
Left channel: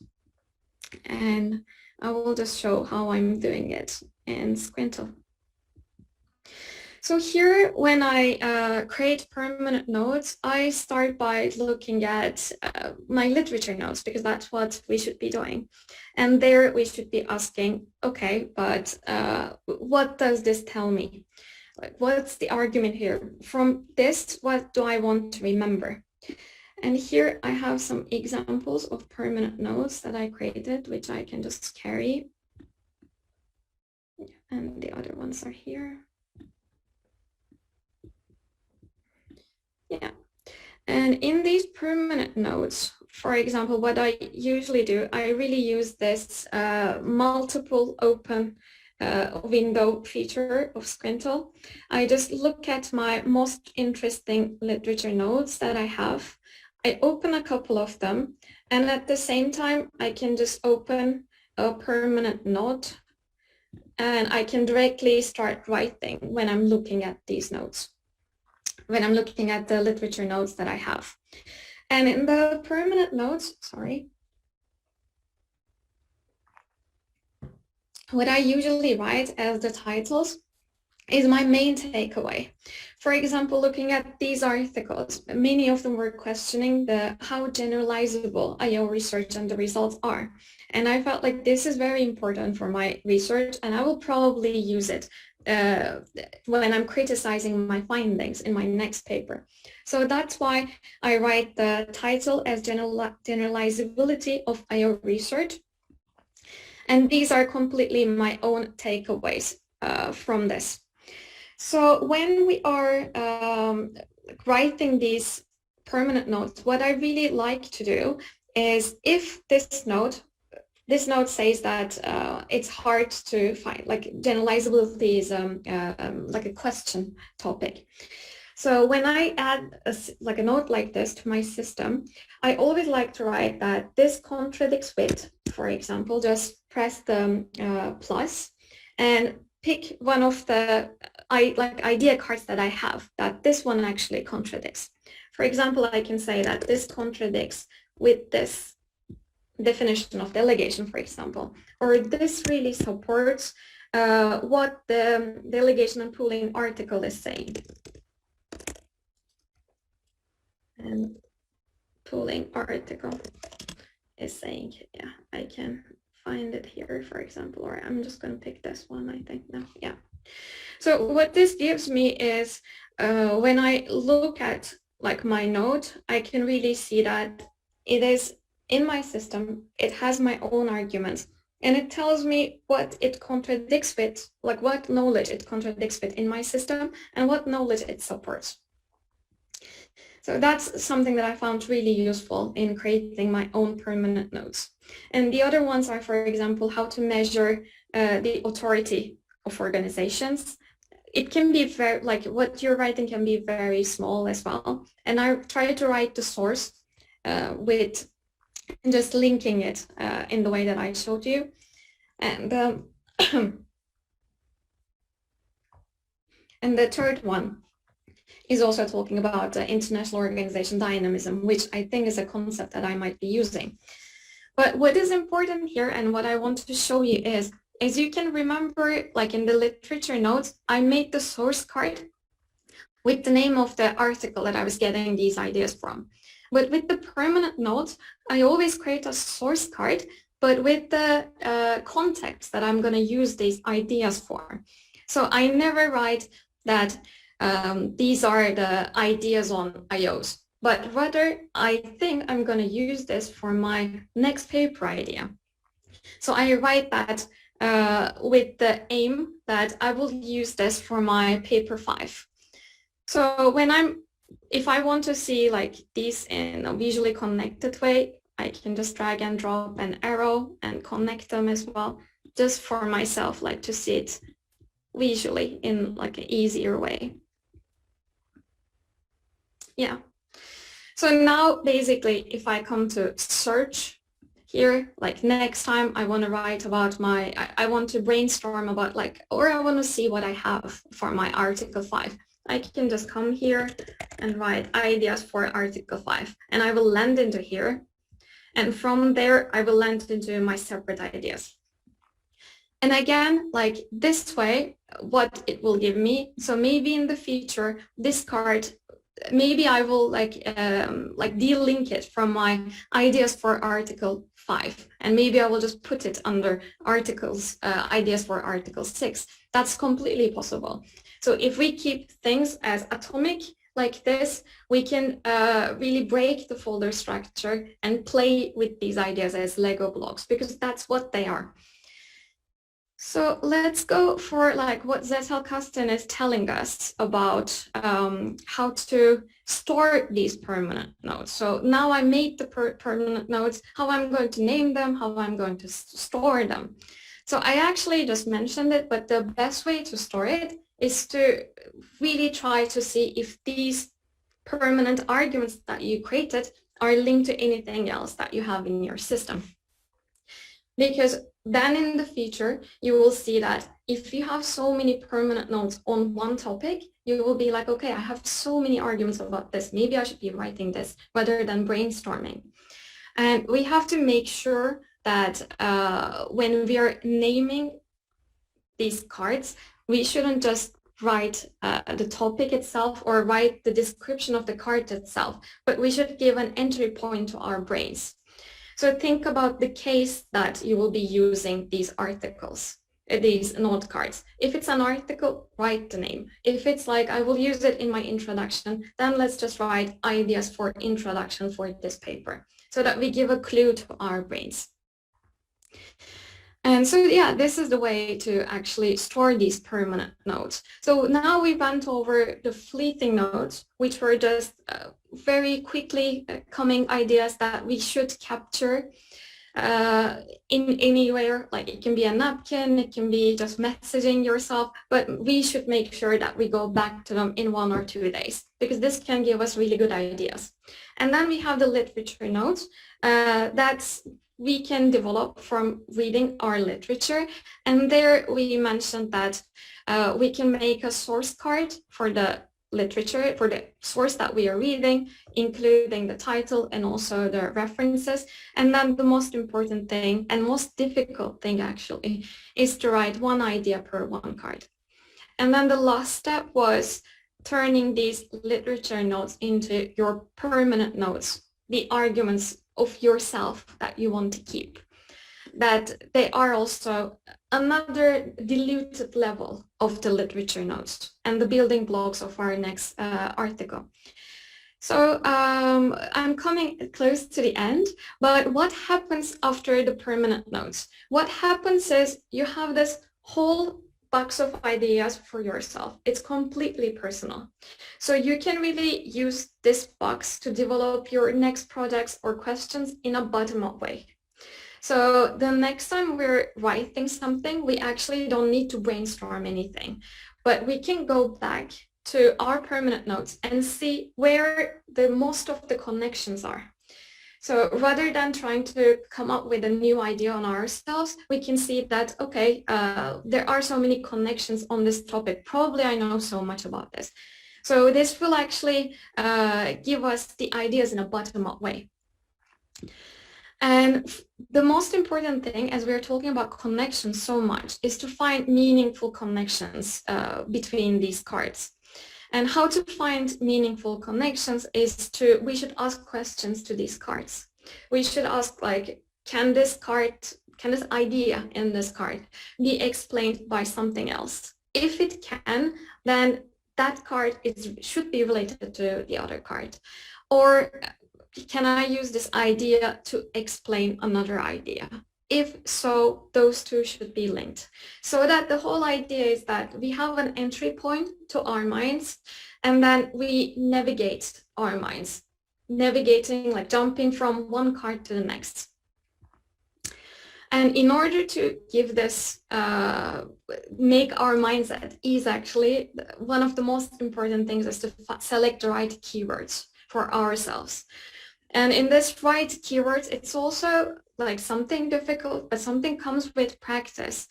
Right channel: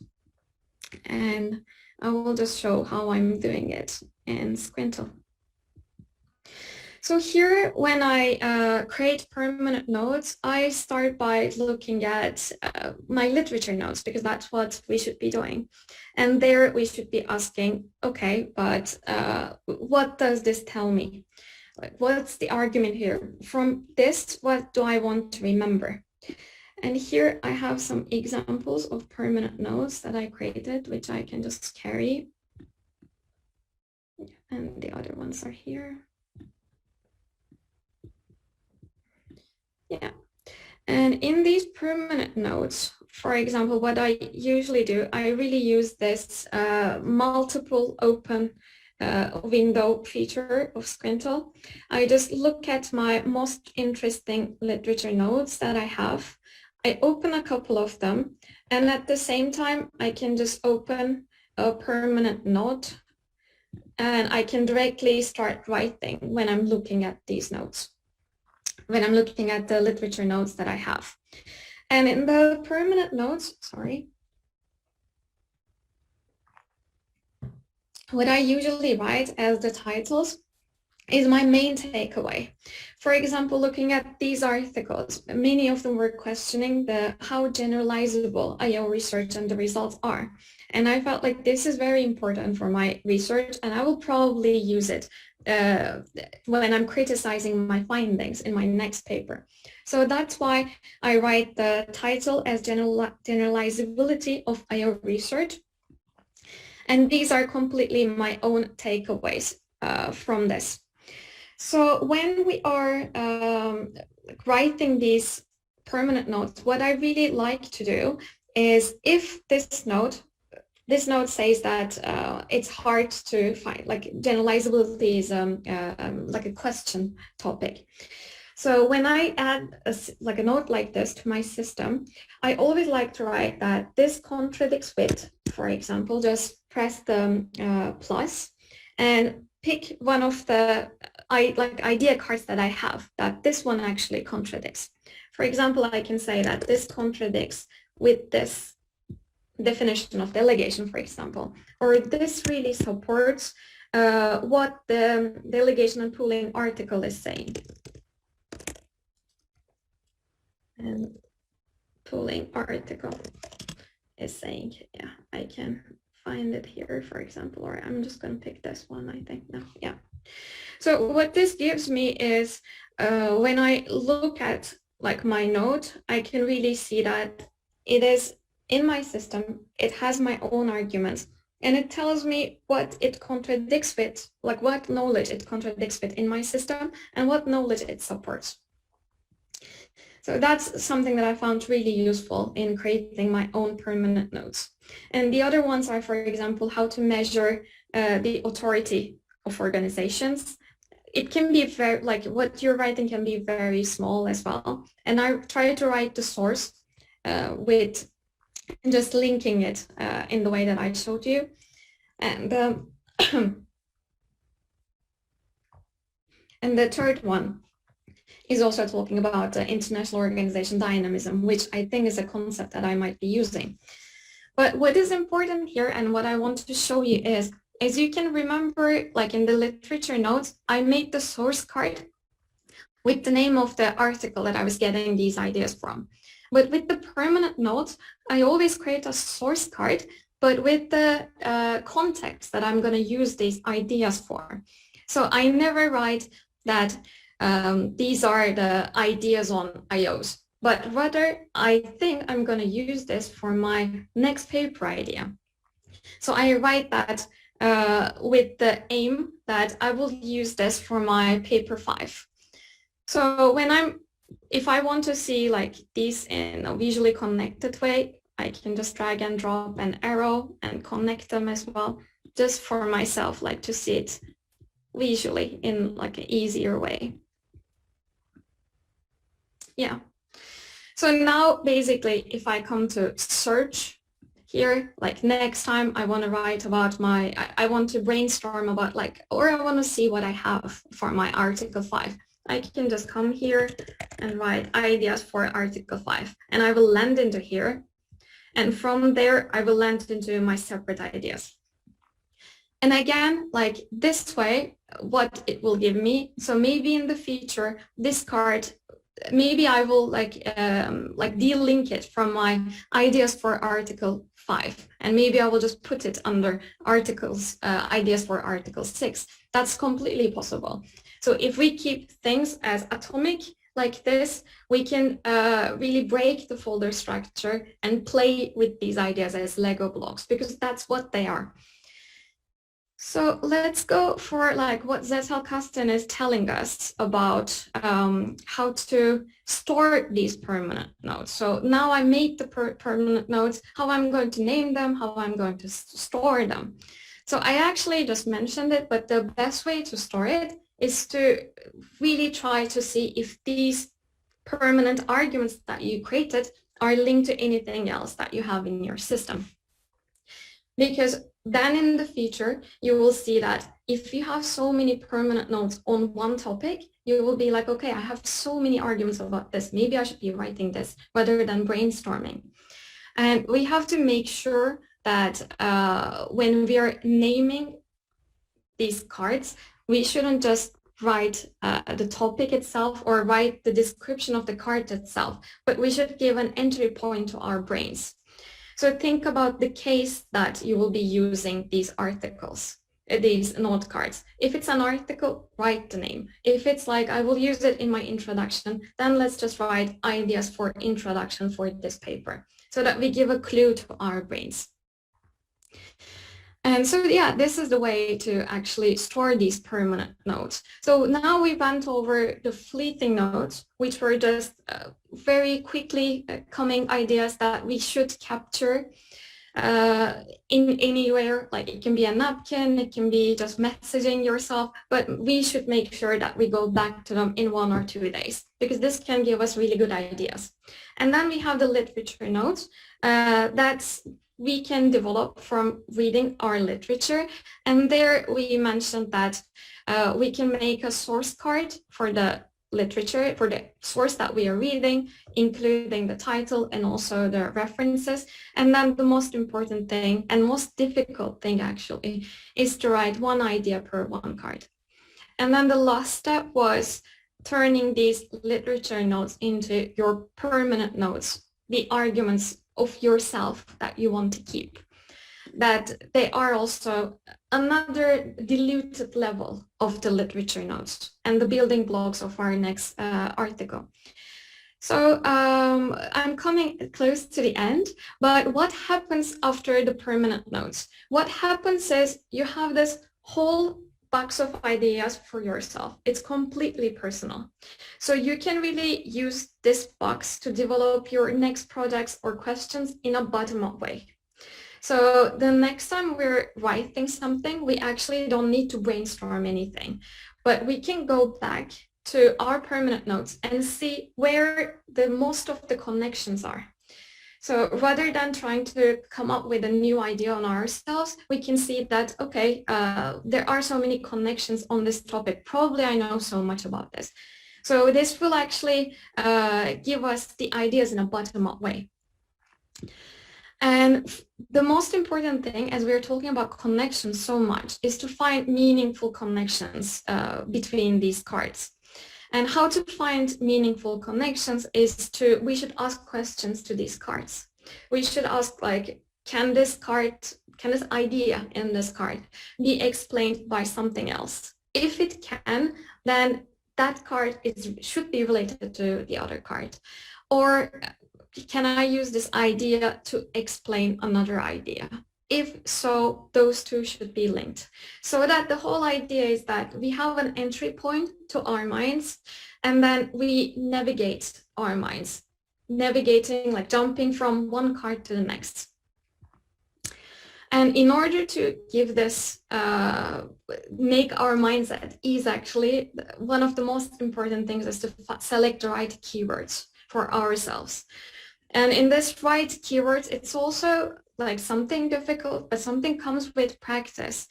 And I will just show how I'm doing it in Scrintal. So here, when I create permanent notes, I start by looking at my literature notes, because that's what we should be doing. And there we should be asking, okay, but what does this tell me? Like, what's the argument here? From this, what do I want to remember? And here I have some examples of permanent notes that I created, which I can just carry. And the other ones are here. Yeah, and in these permanent notes, for example, what I usually do, I really use this multiple open window feature of Scrintal. I just look at my most interesting literature notes that I have. I open a couple of them, and at the same time, I can just open a permanent note, and I can directly start writing when I'm looking at these notes, when I'm looking at the literature notes that I have. And in the permanent notes, what I usually write as the titles is my main takeaway. For example, looking at these articles, many of them were questioning how generalizable IO research and the results are. And I felt like this is very important for my research, and I will probably use it when I'm criticizing my findings in my next paper. So that's why I write the title as Generalizability of IO research. And these are completely my own takeaways from this. So when we are writing these permanent notes, what I really like to do is, if this note says that it's hard to find, like generalizability is like a question topic. So when I add like a note like this to my system, I always like to write that this contradicts with, for example, just press the plus and pick one of the idea cards that I have, that this one actually contradicts. For example, I can say that this contradicts with this definition of delegation, for example, or this really supports what the delegation and pooling article is saying. And pooling article is saying, yeah, I can find it here, for example, or I'm just going to pick this one, I think. No, yeah. So what this gives me is when I look at like my node, I can really see that it is in my system, it has my own arguments, and it tells me what it contradicts with, like what knowledge it contradicts with in my system and what knowledge it supports. So that's something that I found really useful in creating my own permanent nodes. And the other ones are, for example, how to measure the authority of organizations. It can be very, like what you're writing can be very small as well. And I try to write the source with just linking it in the way that I showed you. And, and the third one is also talking about international organization dynamism, which I think is a concept that I might be using. But what is important here and what I want to show you is, as you can remember, like in the literature notes, I made the source card with the name of the article that I was getting these ideas from. But with the permanent notes, I always create a source card, but with the context that I'm going to use these ideas for. So I never write that these are the ideas on IOs, but rather I think I'm going to use this for my next paper idea. So I write that with the aim that I will use this for my paper 5. So when if I want to see like these in a visually connected way, I can just drag and drop an arrow and connect them as well, just for myself, like to see it visually in like an easier way. Yeah. So now basically, if I come to search here, like next time I want to write about I want to brainstorm about like, or I want to see what I have for my article 5. I can just come here and write ideas for article 5, and I will land into here. And from there, I will land into my separate ideas. And again, like this way, what it will give me. So maybe in the future, this card, maybe I will like delink it from my ideas for article 5, and maybe I will just put it under articles, ideas for article 6. That's completely possible. So if we keep things as atomic like this, we can really break the folder structure and play with these ideas as Lego blocks, because that's what they are. So let's go for like what Zettelkasten is telling us about how to store these permanent nodes. So now I made the permanent nodes, how I'm going to name them, how I'm going to store them. So I actually just mentioned it, but the best way to store it is to really try to see if these permanent arguments that you created are linked to anything else that you have in your system. Because then in the future, you will see that if you have so many permanent nodes on one topic, you will be like, okay, I have so many arguments about this. Maybe I should be writing this rather than brainstorming. And we have to make sure that when we are naming these cards, we shouldn't just write the topic itself or write the description of the card itself, but we should give an entry point to our brains. So think about the case that you will be using these articles, these note cards. If it's an article, write the name. If it's like, I will use it in my introduction, then let's just write ideas for introduction for this paper, so that we give a clue to our brains. And so, yeah, this is the way to actually store these permanent nodes. So now we went over the fleeting nodes, which were just very quickly coming ideas that we should capture. in anywhere, like it can be a napkin, it can be just messaging yourself, but we should make sure that we go back to them in 1 or 2 days, because this can give us really good ideas. And then we have the literature notes that's we can develop from reading our literature. And there we mentioned that we can make a source card for the literature, for the source that we are reading, including the title and also the references. And then the most important thing and most difficult thing actually is to write one idea per one card. And then the last step was turning these literature notes into your permanent notes, the arguments of yourself that you want to keep. That they are also another diluted level of the literature notes and the building blocks of our next article. So I'm coming close to the end, but what happens after the permanent notes? What happens is you have this whole box of ideas for yourself. It's completely personal. So you can really use this box to develop your next projects or questions in a bottom-up way. So the next time we're writing something, we actually don't need to brainstorm anything, but we can go back to our permanent notes and see where the most of the connections are. So rather than trying to come up with a new idea on ourselves, we can see that, okay, there are so many connections on this topic. Probably I know so much about this. So this will actually give us the ideas in a bottom-up way. And the most important thing, as we're talking about connections so much, is to find meaningful connections between these cards. And how to find meaningful connections is we should ask questions to these cards. We should ask, like, can this idea in this card be explained by something else? If it can, then that card should be related to the other card. Or can I use this idea to explain another idea? If so, those two should be linked. So that the whole idea is that we have an entry point to our minds, and then we navigate our minds, navigating, like jumping from one card to the next. And in order to give this, make our minds at ease, actually, one of the most important things is to select the right keywords for ourselves. And in this right keywords, it's also like something difficult, but something comes with practice.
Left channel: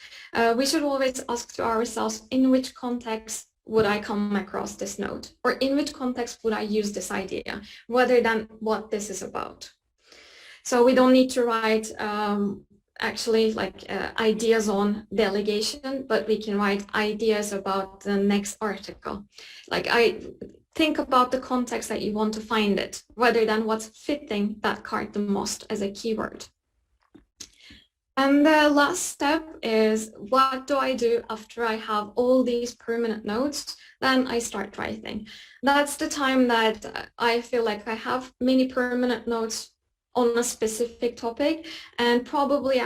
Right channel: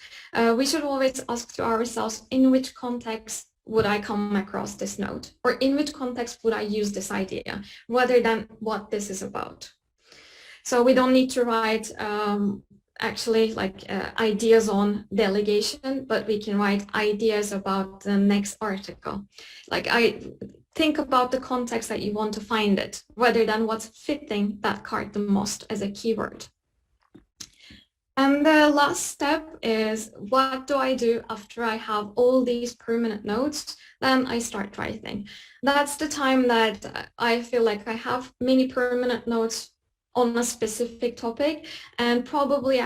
We should always ask to ourselves, in which context would I come across this note? Or in which context would I use this idea, rather than what this is about? So we don't need to write actually like ideas on delegation, but we can write ideas about the next article. Like think about the context that you want to find it, rather than what's fitting that card the most as a keyword. And the last step is, what do I do after I have all these permanent notes? Then I start writing. That's the time that I feel like I have many permanent notes on a specific topic, and probably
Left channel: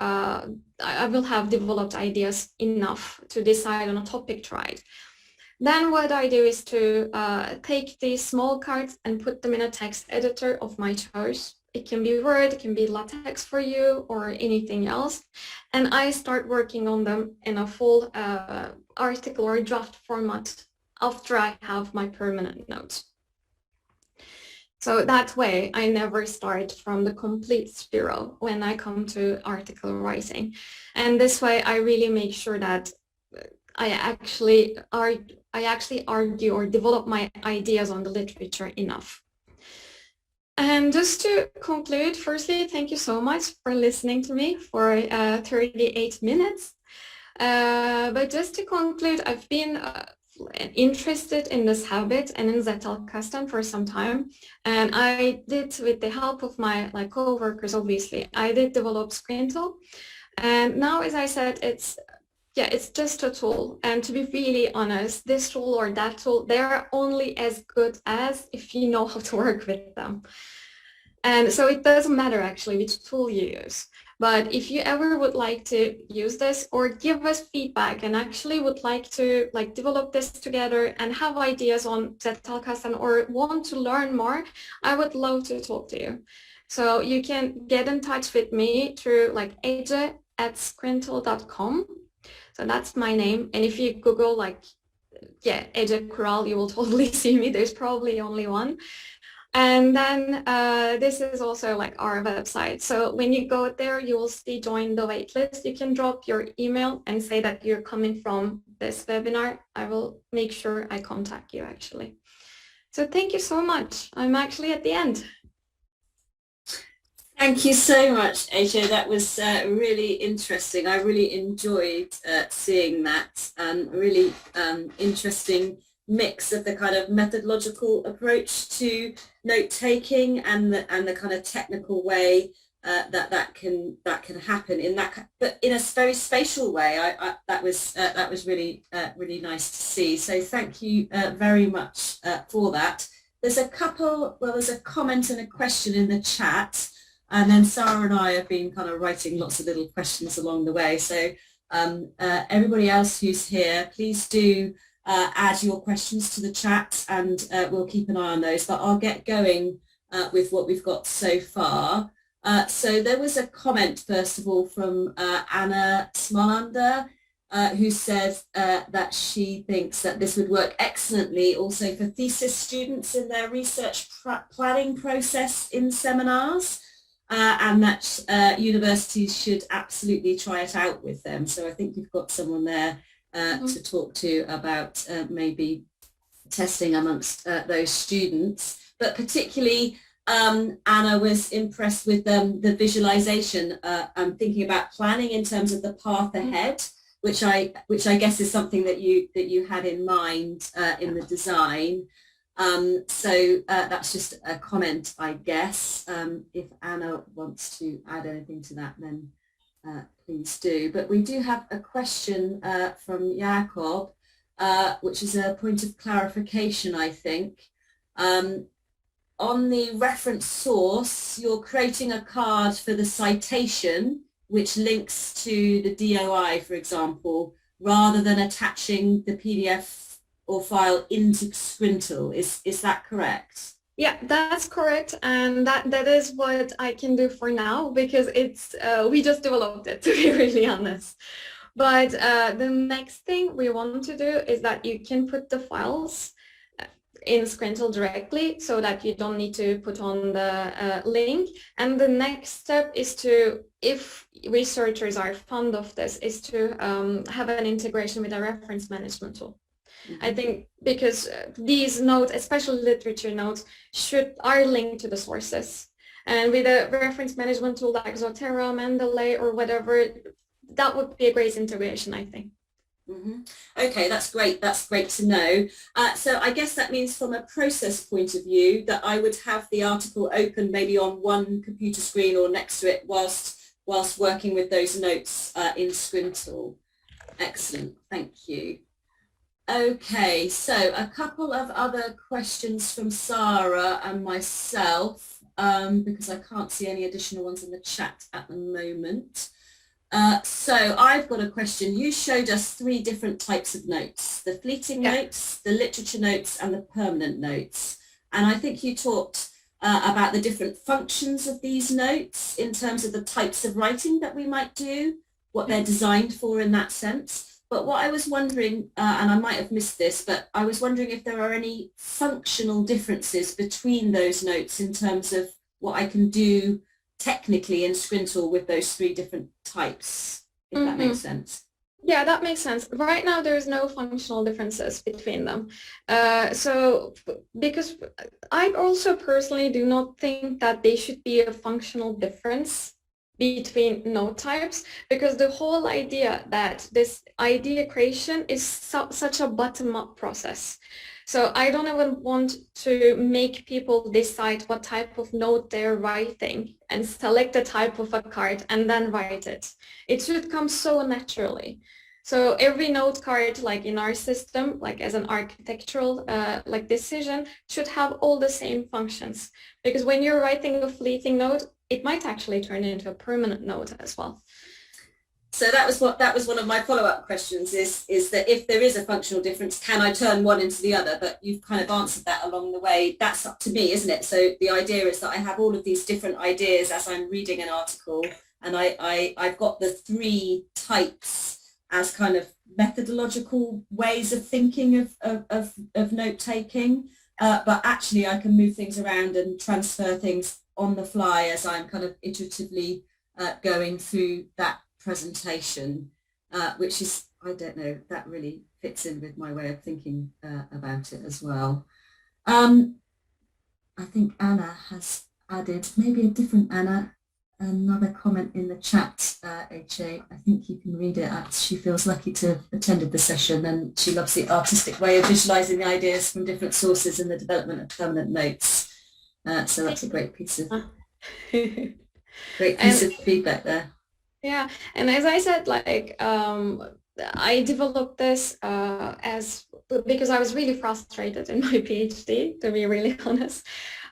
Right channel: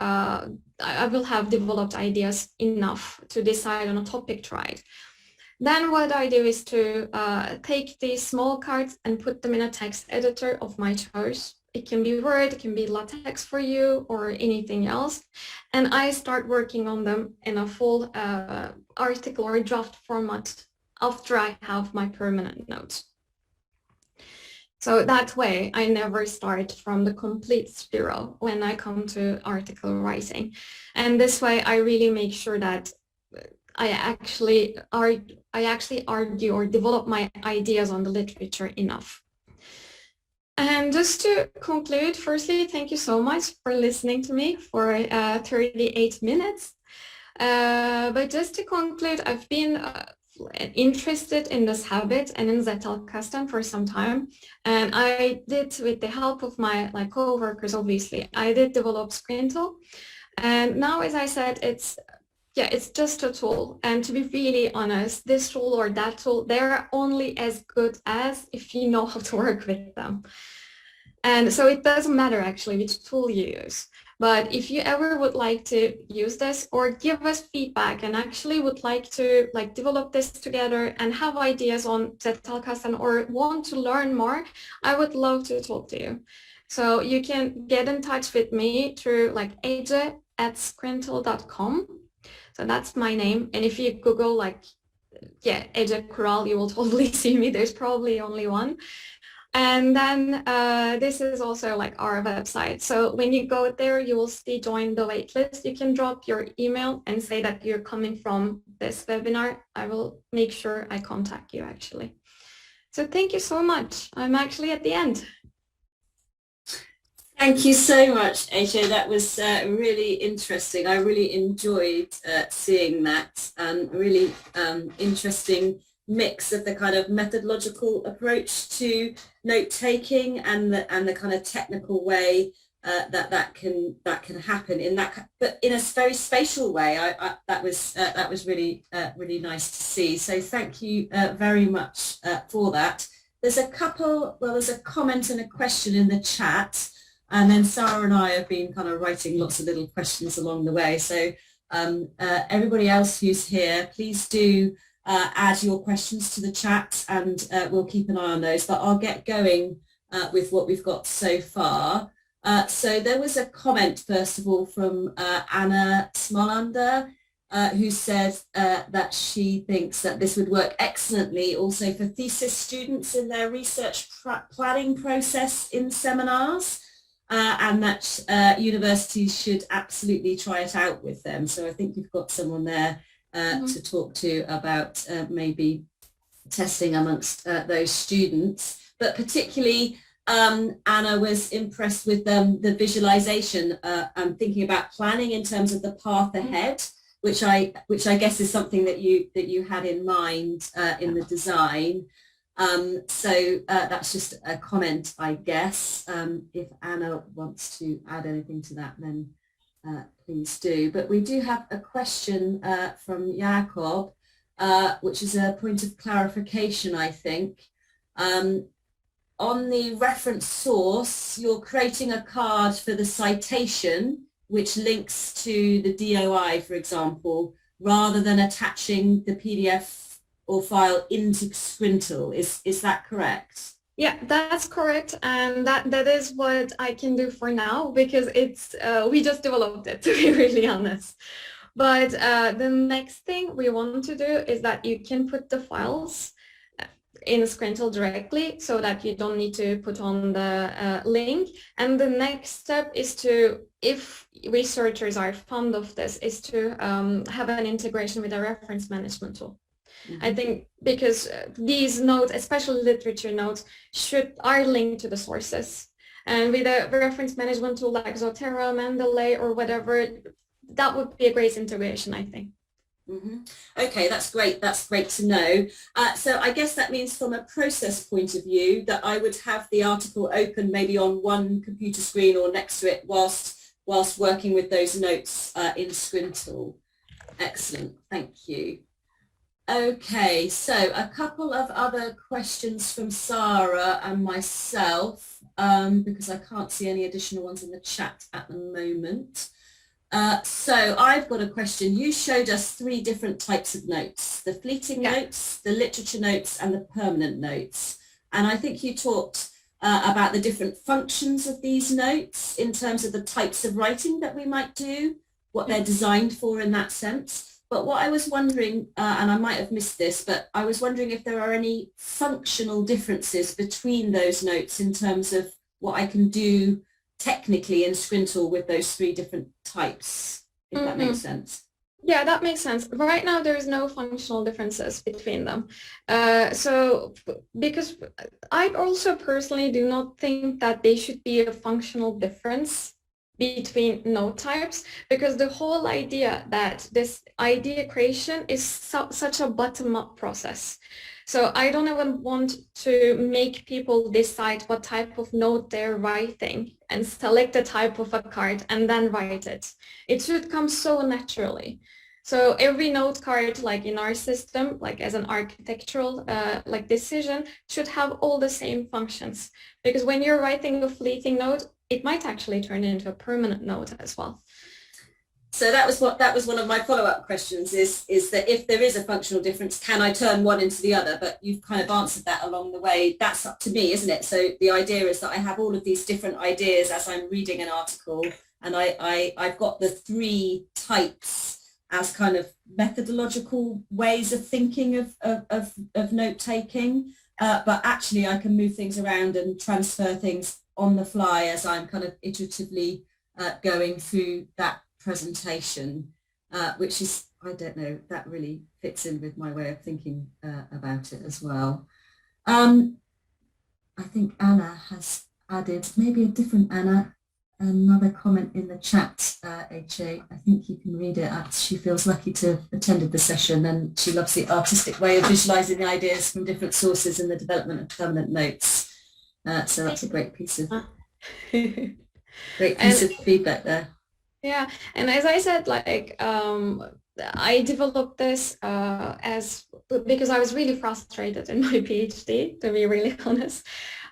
I will have developed ideas enough to decide on a topic to write. Then what I do is to take these small cards and put them in a text editor of my choice. It can be Word, it can be LaTeX for you, or anything else. And I start working on them in a full article or draft format after I have my permanent notes. So that way, I never start from the complete zero when I come to article writing. And this way, I really make sure that I actually argue or develop my ideas on the literature enough. And just to conclude, firstly, thank you so much for listening to me for 38 minutes. But just to conclude, I've been interested in this habit and in Zettelkasten for some time. And I did, with the help of my co-workers, obviously, I did develop Scrintal. And now, as I said, it's just a tool. And to be really honest, this tool or that tool, they're only as good as if you know how to work with them. And so it doesn't matter actually which tool you use. But if you ever would like to use this or give us feedback and actually would like to develop this together and have ideas on Zettelkasten or want to learn more, I would love to talk to you. So you can get in touch with me through like ece@scrintal.com. So that's my name. And if you Google like, yeah, Ece Kural, you will totally see me. There's probably only one. And then this is also like our website. So when you go there, you will see join the waitlist. You can drop your email and say that you're coming from this webinar. I will make sure I contact you actually. So thank you so much. I'm actually at the end. Thank you so much, Ece. That was really interesting. I really enjoyed seeing that, really interesting mix of the kind of methodological approach to note-taking and the kind of technical way that can happen in that, but in a very spatial way. That was really really nice to see. So thank you very much for that. There's a comment and a question in the chat. And then Sarah and I have been kind of writing lots of little questions along the way. So everybody else who's here, please do add your questions to the chat, and we'll keep an eye on those. But I'll get going with what we've got so far. So there was a comment, first of all, from Anna Smolander, who said that she thinks that this would work excellently also for thesis students in their research planning process in seminars. And that universities should absolutely try it out with them. So I think you've got someone there to talk to about maybe testing amongst those students. But particularly, Anna was impressed with the visualization and thinking about planning in terms of the path ahead, which I guess is something that you had in mind in the design. So that's just a comment, I guess. If Anna wants to add anything to that, then please do. But we do have a question from Jakob, which is a point of clarification, I think. On the reference source, you're creating a card for the citation, which links to the DOI, for example, rather than attaching the PDF or file into Scrintal. Is that correct? Yeah, that's correct, and that is what I can do for now, because it's we just developed it, to be really honest. But the next thing we want to do is that you can put the files in Scrintal directly, so that you don't need to put on the link. And the next step is to, if researchers are fond of this, is to have an integration with a reference management tool. I think because these notes, especially literature notes, are linked to the sources. And with a reference management tool like Zotero, Mendeley, or whatever, that would be a great integration, I think. Okay, that's great. That's great to know. So I guess that means from a process point of view that I would have the article open maybe on one computer screen or next to it whilst working with those notes in Scrintal. Excellent. Thank you. Okay, so a couple of other questions from Sarah and myself, because I can't see any additional ones in the chat at the moment. So I've got a question. You showed us 3 different types of notes: the fleeting notes, the literature notes, and the permanent notes. And I think you talked about the different functions of these notes in terms of the types of writing that we might do, what they're designed for in that sense. But what I was wondering, and I might have missed this, but I was wondering if there are any functional differences between those notes in terms of what I can do technically in Scrintal with those 3 different types, if that makes sense. Yeah, that makes sense. Right now, there's no functional differences between them. So because I also personally do not think that they should be a functional difference between node types, because the whole idea that this idea creation is such a bottom-up process. So I don't even want to make people decide what type of node they're writing and select the type of a card and then write it. It should come so naturally. So every node card, like in our system, like as an architectural like decision, should have all the same functions. Because when you're writing a fleeting node, it might actually turn into a permanent node as well. So that was one of my follow-up questions is that if there is a functional difference, can I turn one into the other? But you've kind of answered that along the way. That's up to me, isn't it? So the idea is that I have all of these different ideas as I'm reading an article, and I've got the three types as kind of methodological ways of thinking of note-taking. But actually I can move things around and transfer things on the fly as I'm kind of iteratively going through that presentation, which is, I don't know, that really fits in with my way of thinking about it as well. I think Anna has added, maybe a different Anna, another comment in the chat, Ece. I think you can read it. She feels lucky to have attended the session, and she loves the artistic way of visualizing the ideas from different sources in the development of permanent notes. So that's a great piece of feedback there. Yeah, and as I said, like I developed this because I was really frustrated in my PhD, to be really honest,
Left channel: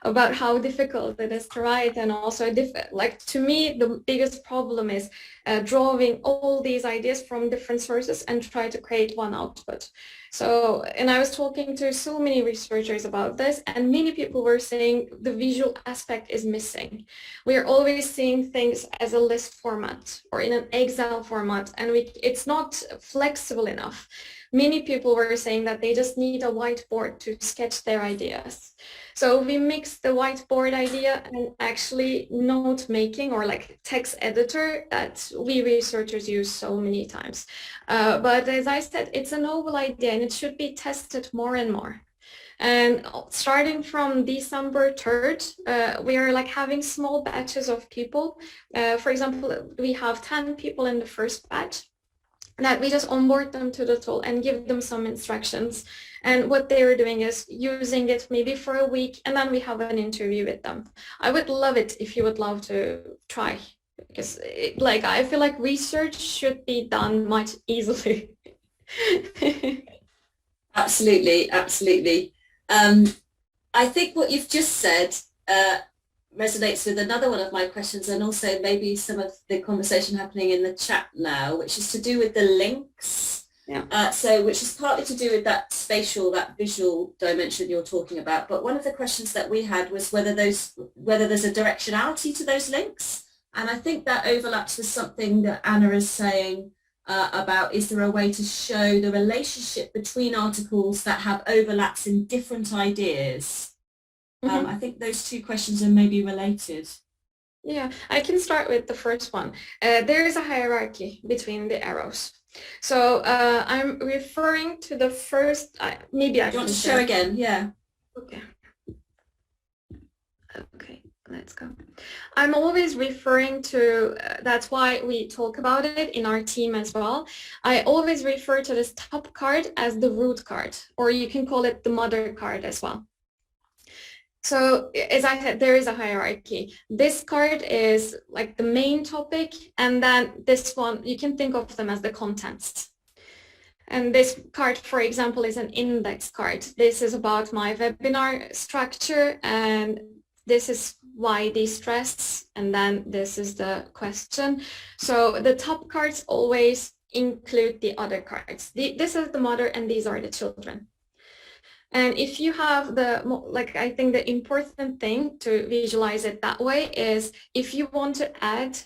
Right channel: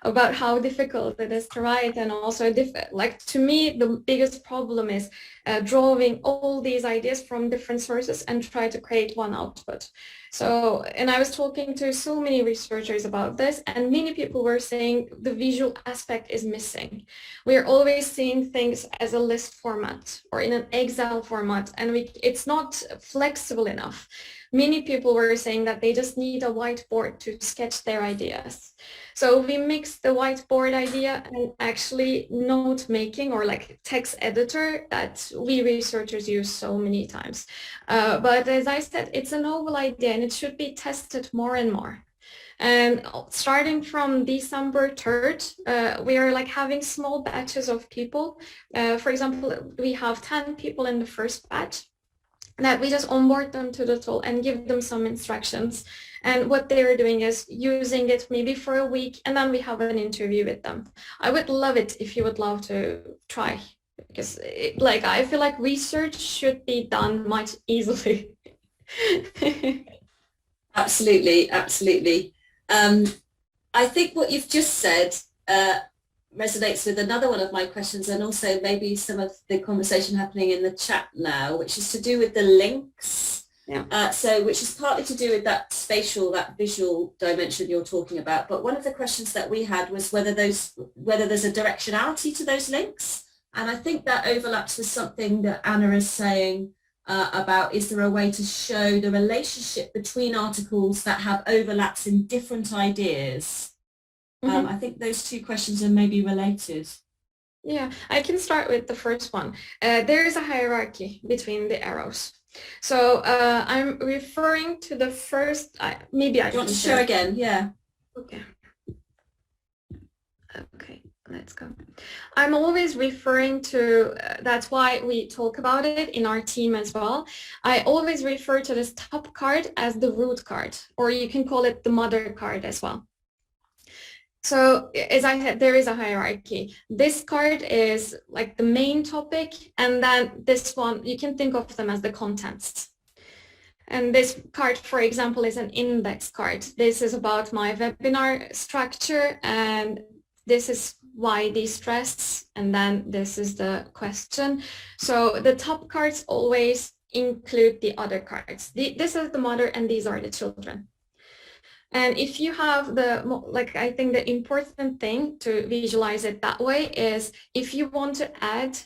about how difficult it is to write, and also like to me the biggest problem is drawing all these ideas from different sources and try to create one output. So, and I was talking to so many researchers about this, and many people were saying the visual aspect is missing. We're always seeing things as a list format or in an Excel format, and it's not flexible enough. Many people were saying that they just need a whiteboard to sketch their ideas. So we mixed the whiteboard idea and actually note making, or like text editor, that we researchers use so many times. But as I said, it's a novel idea and it should be tested more and more. And starting from December 3rd, we are like having small batches of people. For example, we have 10 people in the first batch, that we just onboard them to the tool and give them some instructions. And what they were doing is using it maybe for a week, and then we have an interview with them. I would love it if you would love to try, because like I feel like research should be done much easily. Absolutely, absolutely. I think what you've just said resonates with another one of my questions, and also maybe some of the conversation happening in the chat now, which is to do with the links. Yeah. So which is partly to do with that spatial, that visual dimension you're talking about. But one of the questions that we had was whether there's a directionality to those links. And I think that overlaps with something that Anna is saying about, is there a way to show the relationship between articles that have overlaps in different ideas? Mm-hmm. I think those two questions are maybe related. Yeah, I can start with the first one. There is a hierarchy between the arrows. So I'm referring to the first, maybe I want to show again, yeah. Okay. Okay, let's go. I'm always referring to, that's why we talk about it in our team as well. I always refer to this top card as the root card, or you can call it the mother card as well. So as I said, there is a hierarchy. This card is like the main topic, and then this one, you can think of them as the contents. And this card, for example, is an index card. This is about my webinar structure, and this is why destress, and then this is the question. So the top cards always include the other cards. This is the mother, and these are the children. And if you have I think the important thing to visualize it that way is if you want to add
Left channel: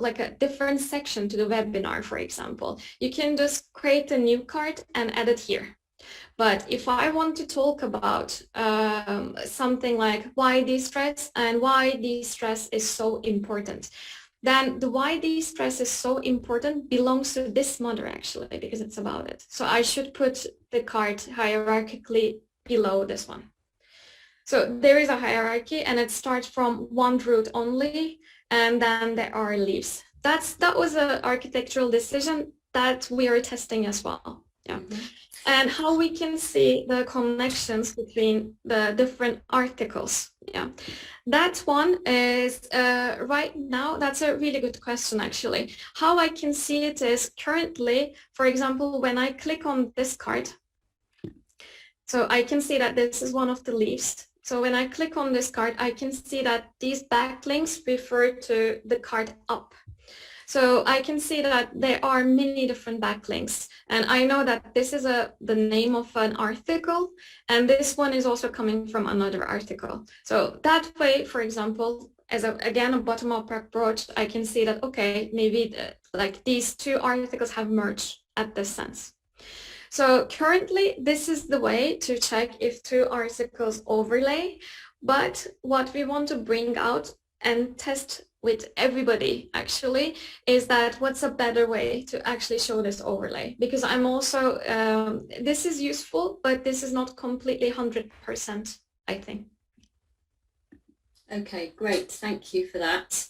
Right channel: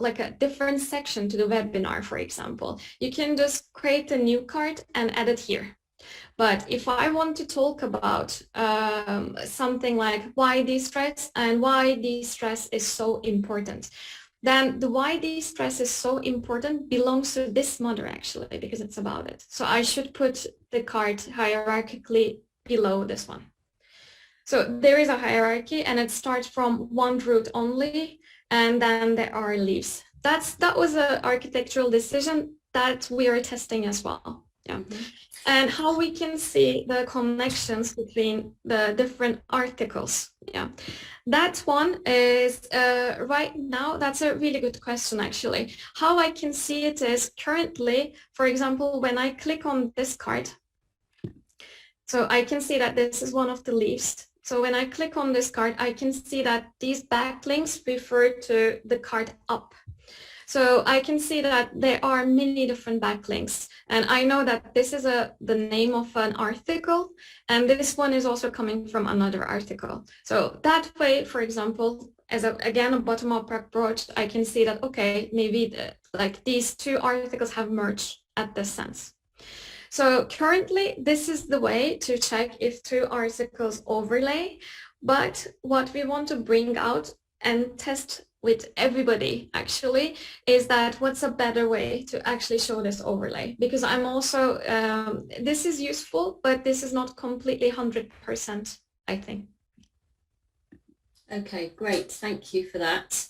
like a different section to the webinar, for example, you can just create a new card and add it here. But if I want to talk about something like why destress and why destress is so important, then the why destress is so important belongs to this mother actually, because it's about it. So I should put the card hierarchically below this one. So there is a hierarchy, and it starts from one root only, and then there are leaves. That was an architectural decision that we are testing as well. Yeah. Mm-hmm. And how we can see the connections between the different articles. Yeah, that one is right now, that's a really good question actually. How I can see it is currently, for example, when I click on this card, so I can see that this is one of the leaves. So when I click on this card, I can see that these backlinks refer to the card up. So I can see that there are many different backlinks. And I know that this is the name of an article, and this one is also coming from another article. So that way, for example, as again a bottom-up approach, I can see that, okay, maybe like these two articles have merged at this sense. So currently, this is the way to check if two articles overlay, but what we want to bring out and test with everybody actually is that what's a better way to actually show this overlay, because I'm also, this is useful, but this is not completely 100%, I think. Okay, great. Thank you for that.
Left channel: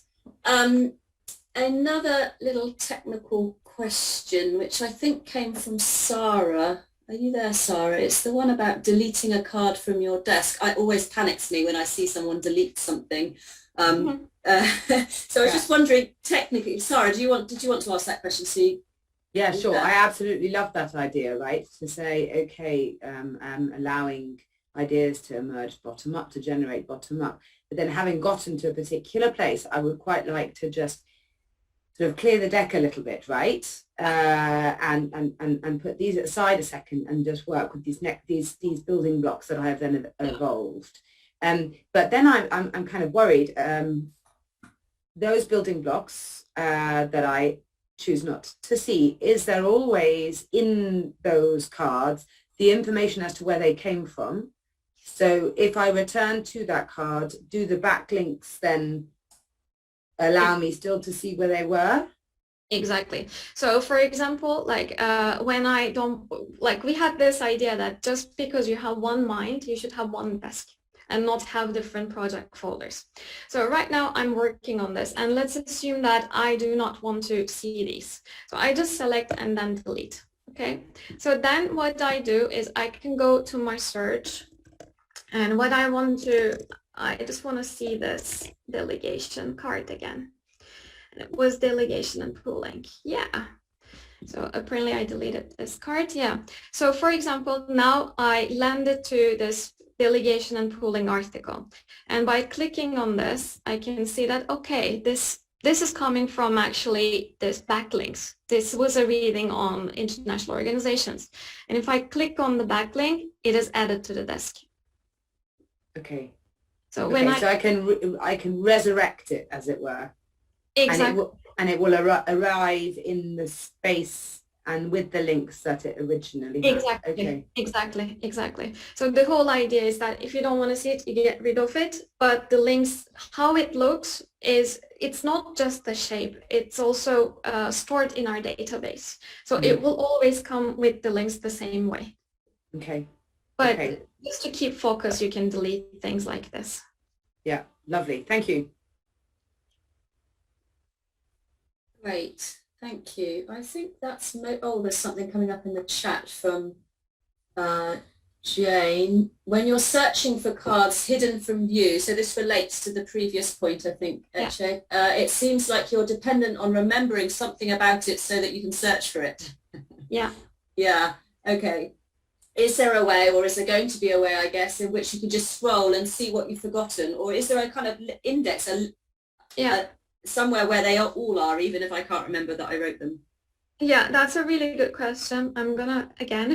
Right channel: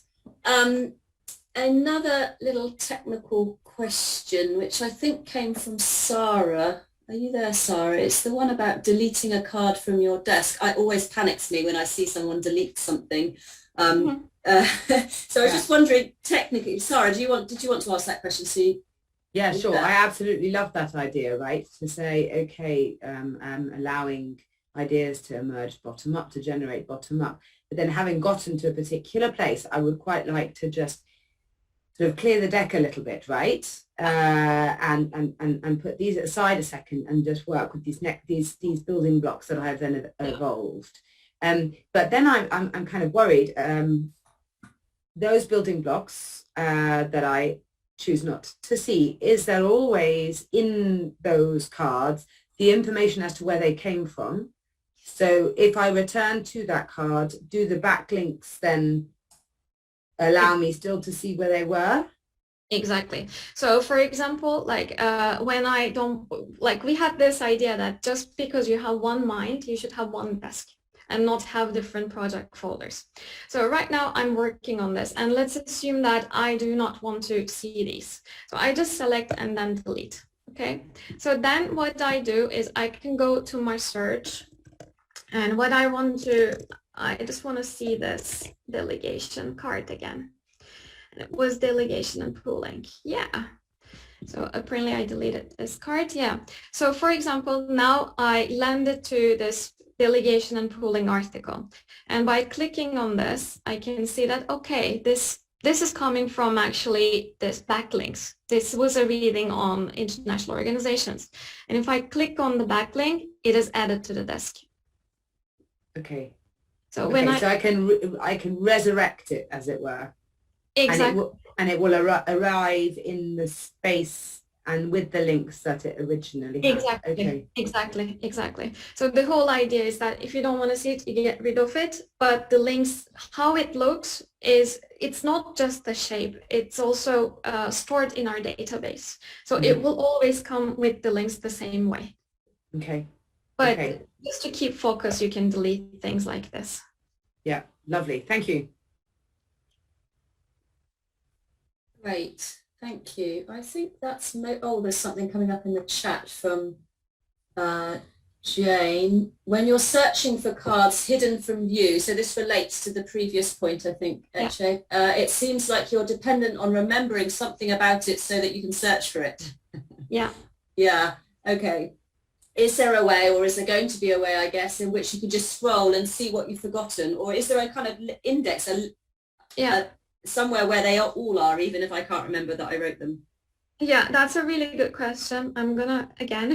Another little technical question, which I think came from Sarah. Are you there, Sarah? It's the one about deleting a card from your desk. It always panics me when I see someone delete something. So I was just wondering, technically, Sarah, did you want to ask that question? See? Yeah, sure. I absolutely love that idea, right? To say, okay, allowing ideas to emerge bottom up, to generate bottom up. But then having gotten to a particular place, I would quite like to just sort of clear the deck a little bit, right? And put these aside a second and just work with these building blocks that I have then evolved. But then I'm kind of worried. Those building blocks that I choose not to see, is there always in those cards the information as to where they came from? So if I return to that card, do the backlinks then allow me still to see where they were? Exactly. So for example, like when I don't, like we had this idea that just because you have one mind, you should have one desk and not have different project folders. So right now I'm working on this, and let's assume that I do not want to see these. So I just select and then delete. Okay. So then what I do is I can go to my search, and what I just want to see this delegation card again. And it was delegation and pooling. Yeah. So apparently I deleted this card. Yeah. So for example, now I landed to this delegation and pooling article. And by clicking on this, I can see that, okay, this is coming from actually this backlinks. This was a reading on international organizations. And if I click on the backlink, it is added to the desk. Okay. So okay, when I can resurrect it, as it were. Exactly. And it will arrive in the space and with the links that it originally had. Exactly. Okay. Exactly. So the whole idea is that if you don't want to see it, you get rid of it. But the links, how it looks is, it's not just the shape. It's also stored in our database. So it will always come with the links the same way. Okay. But just to keep focus, you can delete things like this. Yeah, lovely. Thank you. Great, thank you. I think that's, there's something coming up in the chat from Jane. When you're searching for cards hidden from view, so this relates to the previous point, I think, Ece, it seems like you're dependent on remembering something about it so that you can search for it. Yeah. Yeah, okay. Is there a way, or is there going to be a way, I guess, in which you can just scroll and see what you've forgotten? Or is there a kind of index, somewhere where they all are, even if I can't remember that I wrote them? Yeah, that's a really good question. I'm gonna again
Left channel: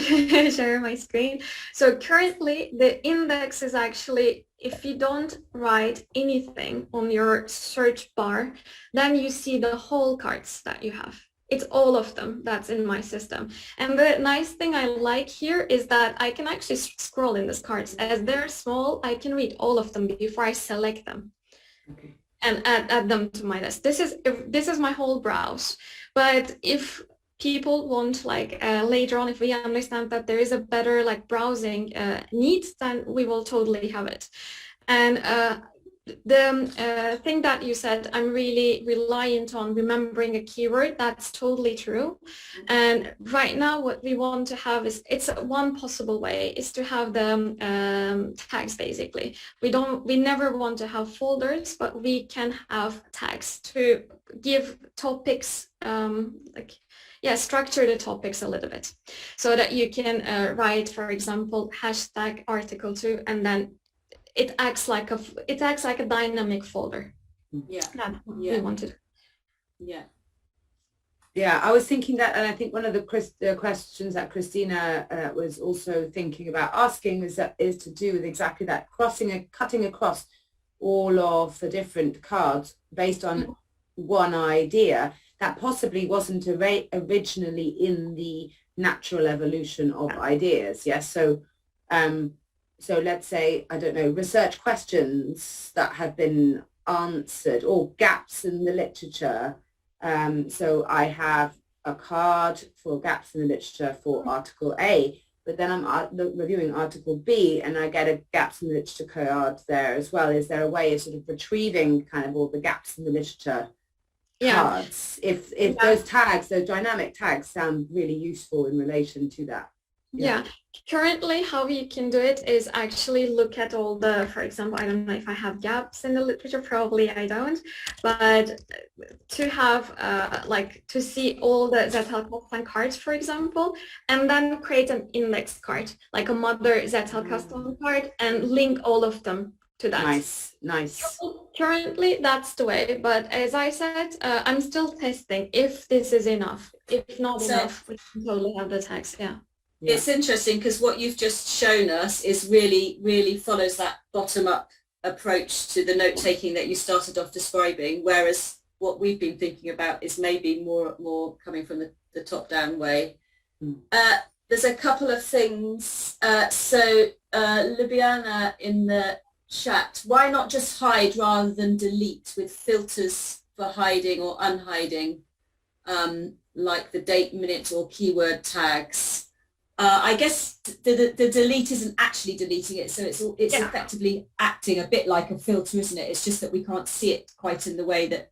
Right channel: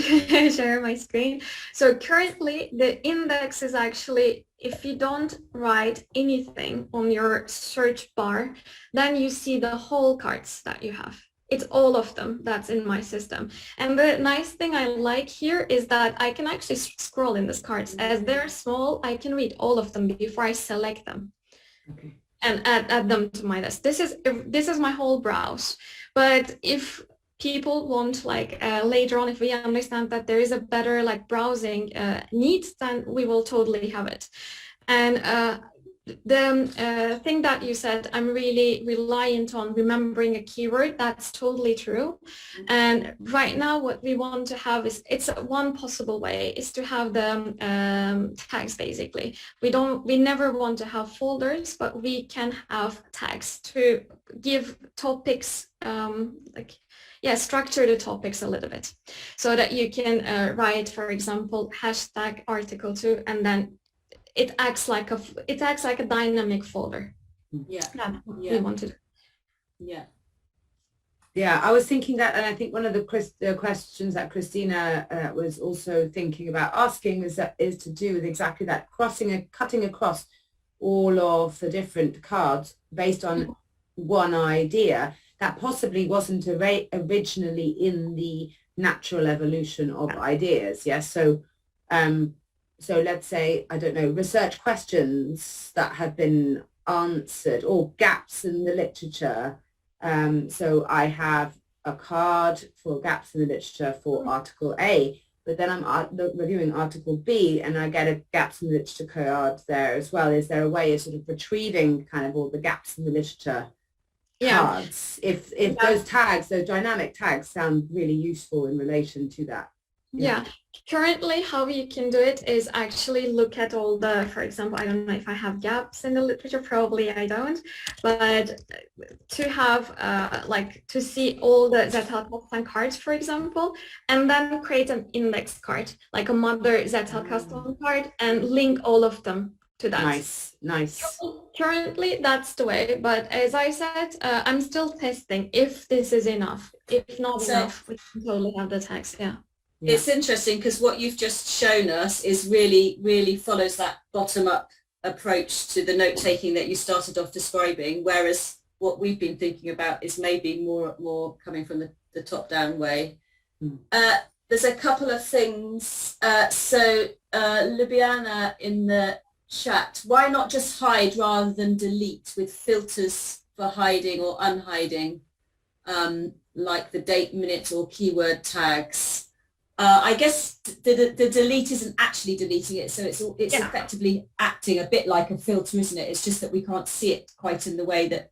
share my screen. So currently the index is actually, if you don't write anything on your search bar, then you see the whole cards that you have. It's all of them that's in my system. And the nice thing I like here is that I can actually scroll in these cards. As they're small, I can read all of them before I select them. Okay. And add them to my list. This is my whole browse. But if people want, like later on, if we understand that there is a better like browsing needs, then we will totally have it. And the thing that you said, I'm really reliant on remembering a keyword. That's totally true. And right now what we want to have is, it's one possible way is to have the tags. Basically, we never want to have folders, but we can have tags to give topics structure the topics a little bit, so that you can write, for example, hashtag article 2, and then it acts like a dynamic folder. Yeah. That's what we wanted. Yeah. Yeah, I was thinking that, and I think one of the questions that Christina was also thinking about asking is to do with exactly that, cutting across all of the different cards based on one idea that possibly wasn't originally in the natural evolution of ideas. Yes, so let's say, I don't know, research questions that have been answered or gaps in the literature. So I have a card for gaps in the literature for Article A, but then I'm reviewing Article B and I get a gaps in the literature card there as well. Is there a way of sort of retrieving kind of all the gaps in the literature cards? If those tags, those dynamic tags sound really useful in relation to that. Yeah. Currently, how you can do it is actually look at all the, for example, I don't know if I have gaps in the literature, probably I don't, but to have like to see all the Zettelkasten cards, for example, and then create an index card, like a mother Zettelkasten card, and link all of them to that. Nice. Currently, that's the way, but as I said, I'm still testing if this is enough. If not enough, we can totally have the text, yeah. It's interesting because what you've just shown us is really follows that bottom-up approach to the note-taking that you started off describing, whereas what we've been thinking about is maybe more coming from the top-down way. There's a couple of things. So Ljubljana in the chat, why not just hide rather than delete with filters for hiding or unhiding, like the date, minute, or keyword tags? I guess the delete isn't actually deleting it, so it's effectively acting a bit like a filter, isn't it? It's just that we can't see it quite in the way that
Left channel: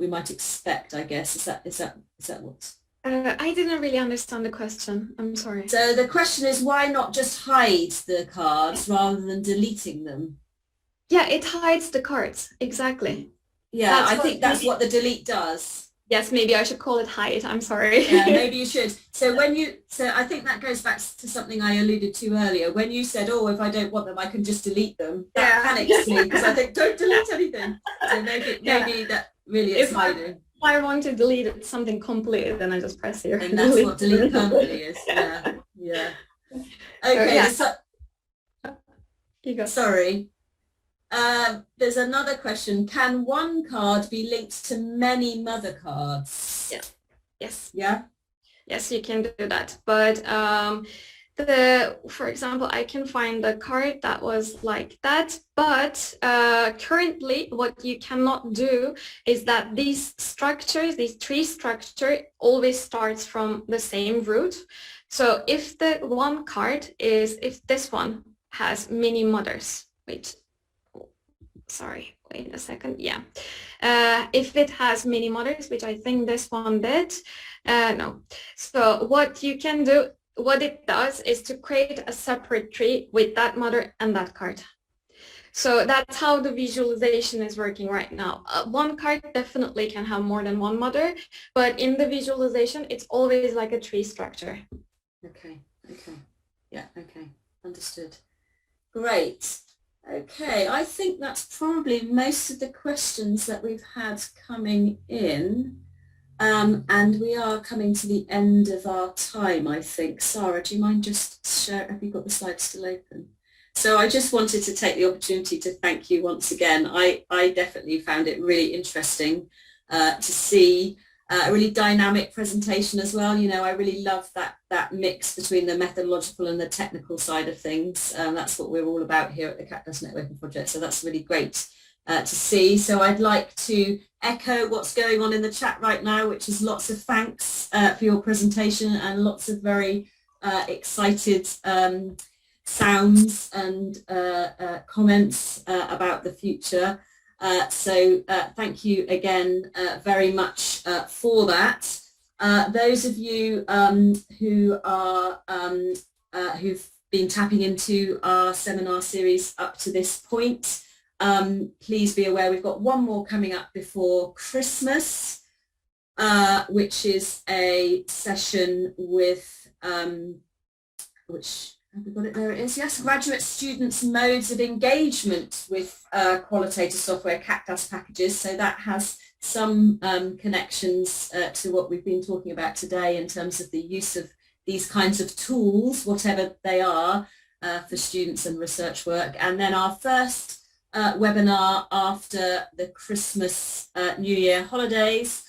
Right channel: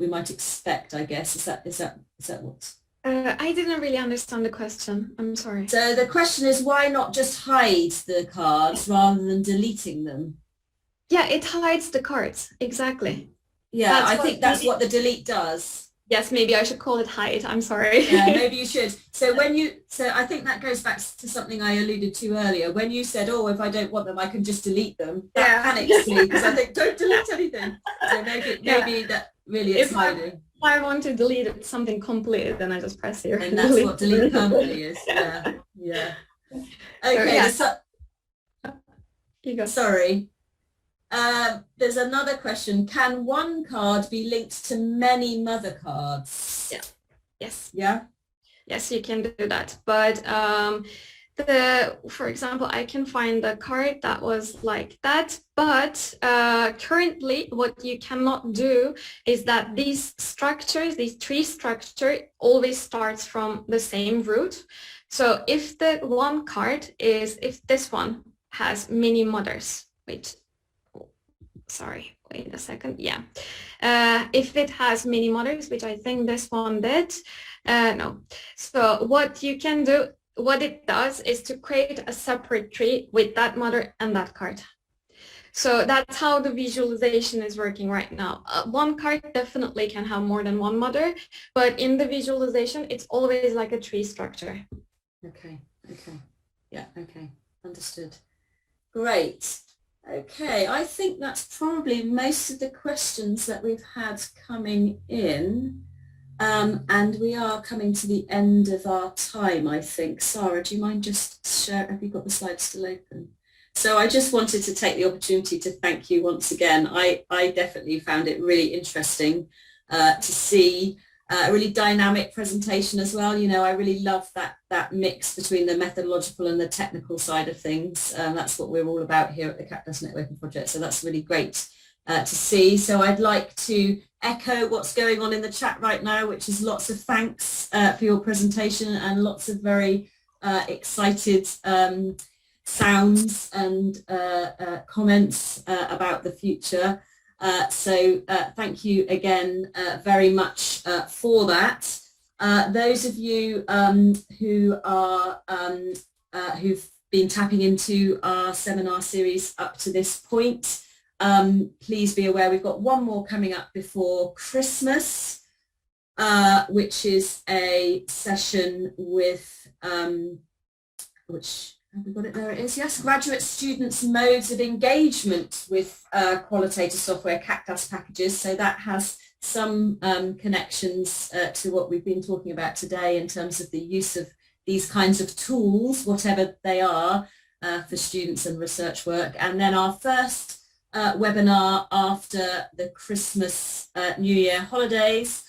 we might expect, I guess. Is that what? I didn't really understand the question. I'm sorry. So the question is, why not just hide the cards rather than deleting them? Yeah, it hides the cards, exactly. Yeah, I think that's what the delete does. Yes, maybe I should call it hide. I'm sorry. Yeah, maybe you should. So I think that goes back to something I alluded to earlier. When you said, oh, if I don't want them, I can just delete them. That panics me because I think, don't delete anything. So maybe that really is hiding. If I want to delete something completely, then I just press here. And that's what delete permanently is. Yeah. Okay. You go. Sorry. There's another question. Can one card be linked to many mother cards? Yeah. Yes. Yeah. Yes, you can do that. But for example, I can find a card that was like that. But currently, what you cannot do is that these structures, these tree structure, always starts from the same root. So if the one card is, if this one has many mothers, sorry, wait a second. Yeah. If it has many mothers, which I think this one did, no. So what you can do, what it does is to create a separate tree with that mother and that card. So that's how the visualization is working right now. One card definitely can have more than one mother, but in the visualization, it's always like a tree structure. Okay. Yeah, okay. Understood. Great. Okay, I think that's probably most of the questions that we've had coming in. And we are coming to the end of our time, I think. Sarah, do you mind just share, have you got the slides still open? So I just wanted to take the opportunity to thank you once again. I definitely found it really interesting to see a really dynamic presentation as well. You know, I really love that mix between the methodological and the technical side of things. That's what we're all about here at the CAQDAS Networking Project. So that's really great to see. So I'd like to echo what's going on in the chat right now, which is lots of thanks for your presentation and lots of very excited sounds and comments about the future. So thank you again very much for that. Those of you who are who've been tapping into our seminar series up to this point, please be aware we've got one more coming up before Christmas, which is a session with which, have we got it? There it is. Yes, graduate students' modes of engagement with qualitative software CAQDAS packages. So that has some connections to what we've been talking about today in terms of the use of these kinds of tools, whatever they are, for students and research work. And then our first webinar after the Christmas New Year holidays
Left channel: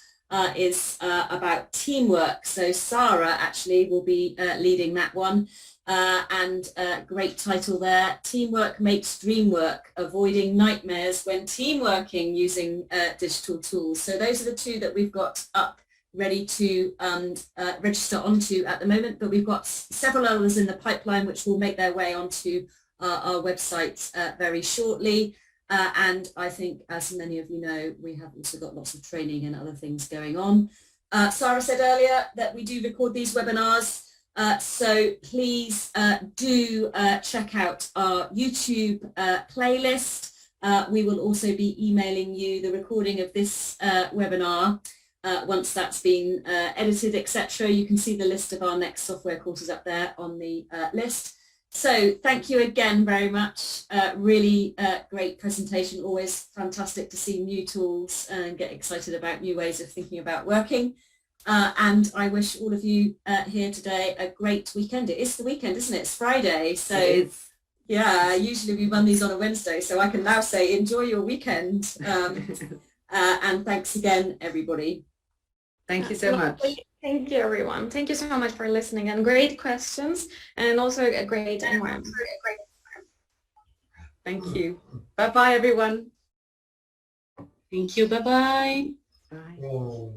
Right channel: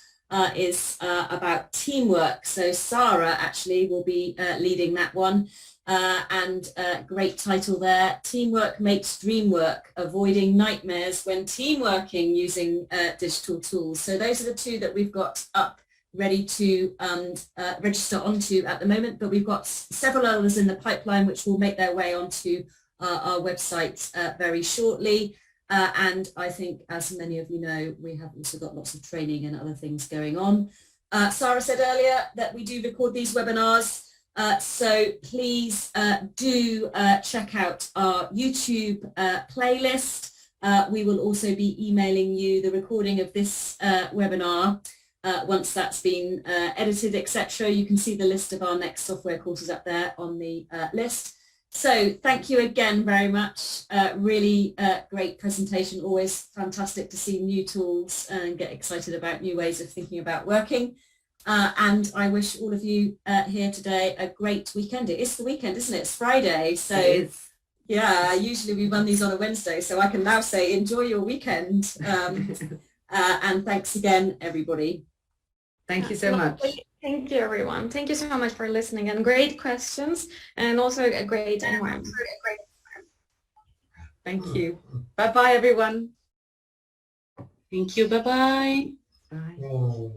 is about teamwork. So Sarah actually will be leading that one. And great title there, Teamwork Makes Dream Work, Avoiding Nightmares When Team Working Using Digital Tools. So those are the two that we've got up ready to register onto at the moment, but we've got several others in the pipeline which will make their way onto our website very shortly. And I think, as many of you know, we have also got lots of training and other things going on. Sarah said earlier that we do record these webinars. So please do check out our YouTube playlist. We will also be emailing you the recording of this webinar once that's been edited, etc. You can see the list of our next software courses up there on the list. So thank you again very much. Really great presentation. Always fantastic to see new tools and get excited about new ways of thinking about working. And I wish all of you here today a great weekend. It is the weekend, isn't it? It's Friday. So yeah, usually we run these on a Wednesday. So I can now say enjoy your weekend. And thanks again, everybody. Thank you so much. Thank you, everyone. Thank you so much for listening, and great questions, and also a great environment. Thank you. Bye-bye, everyone. Thank you. Bye-bye. Bye.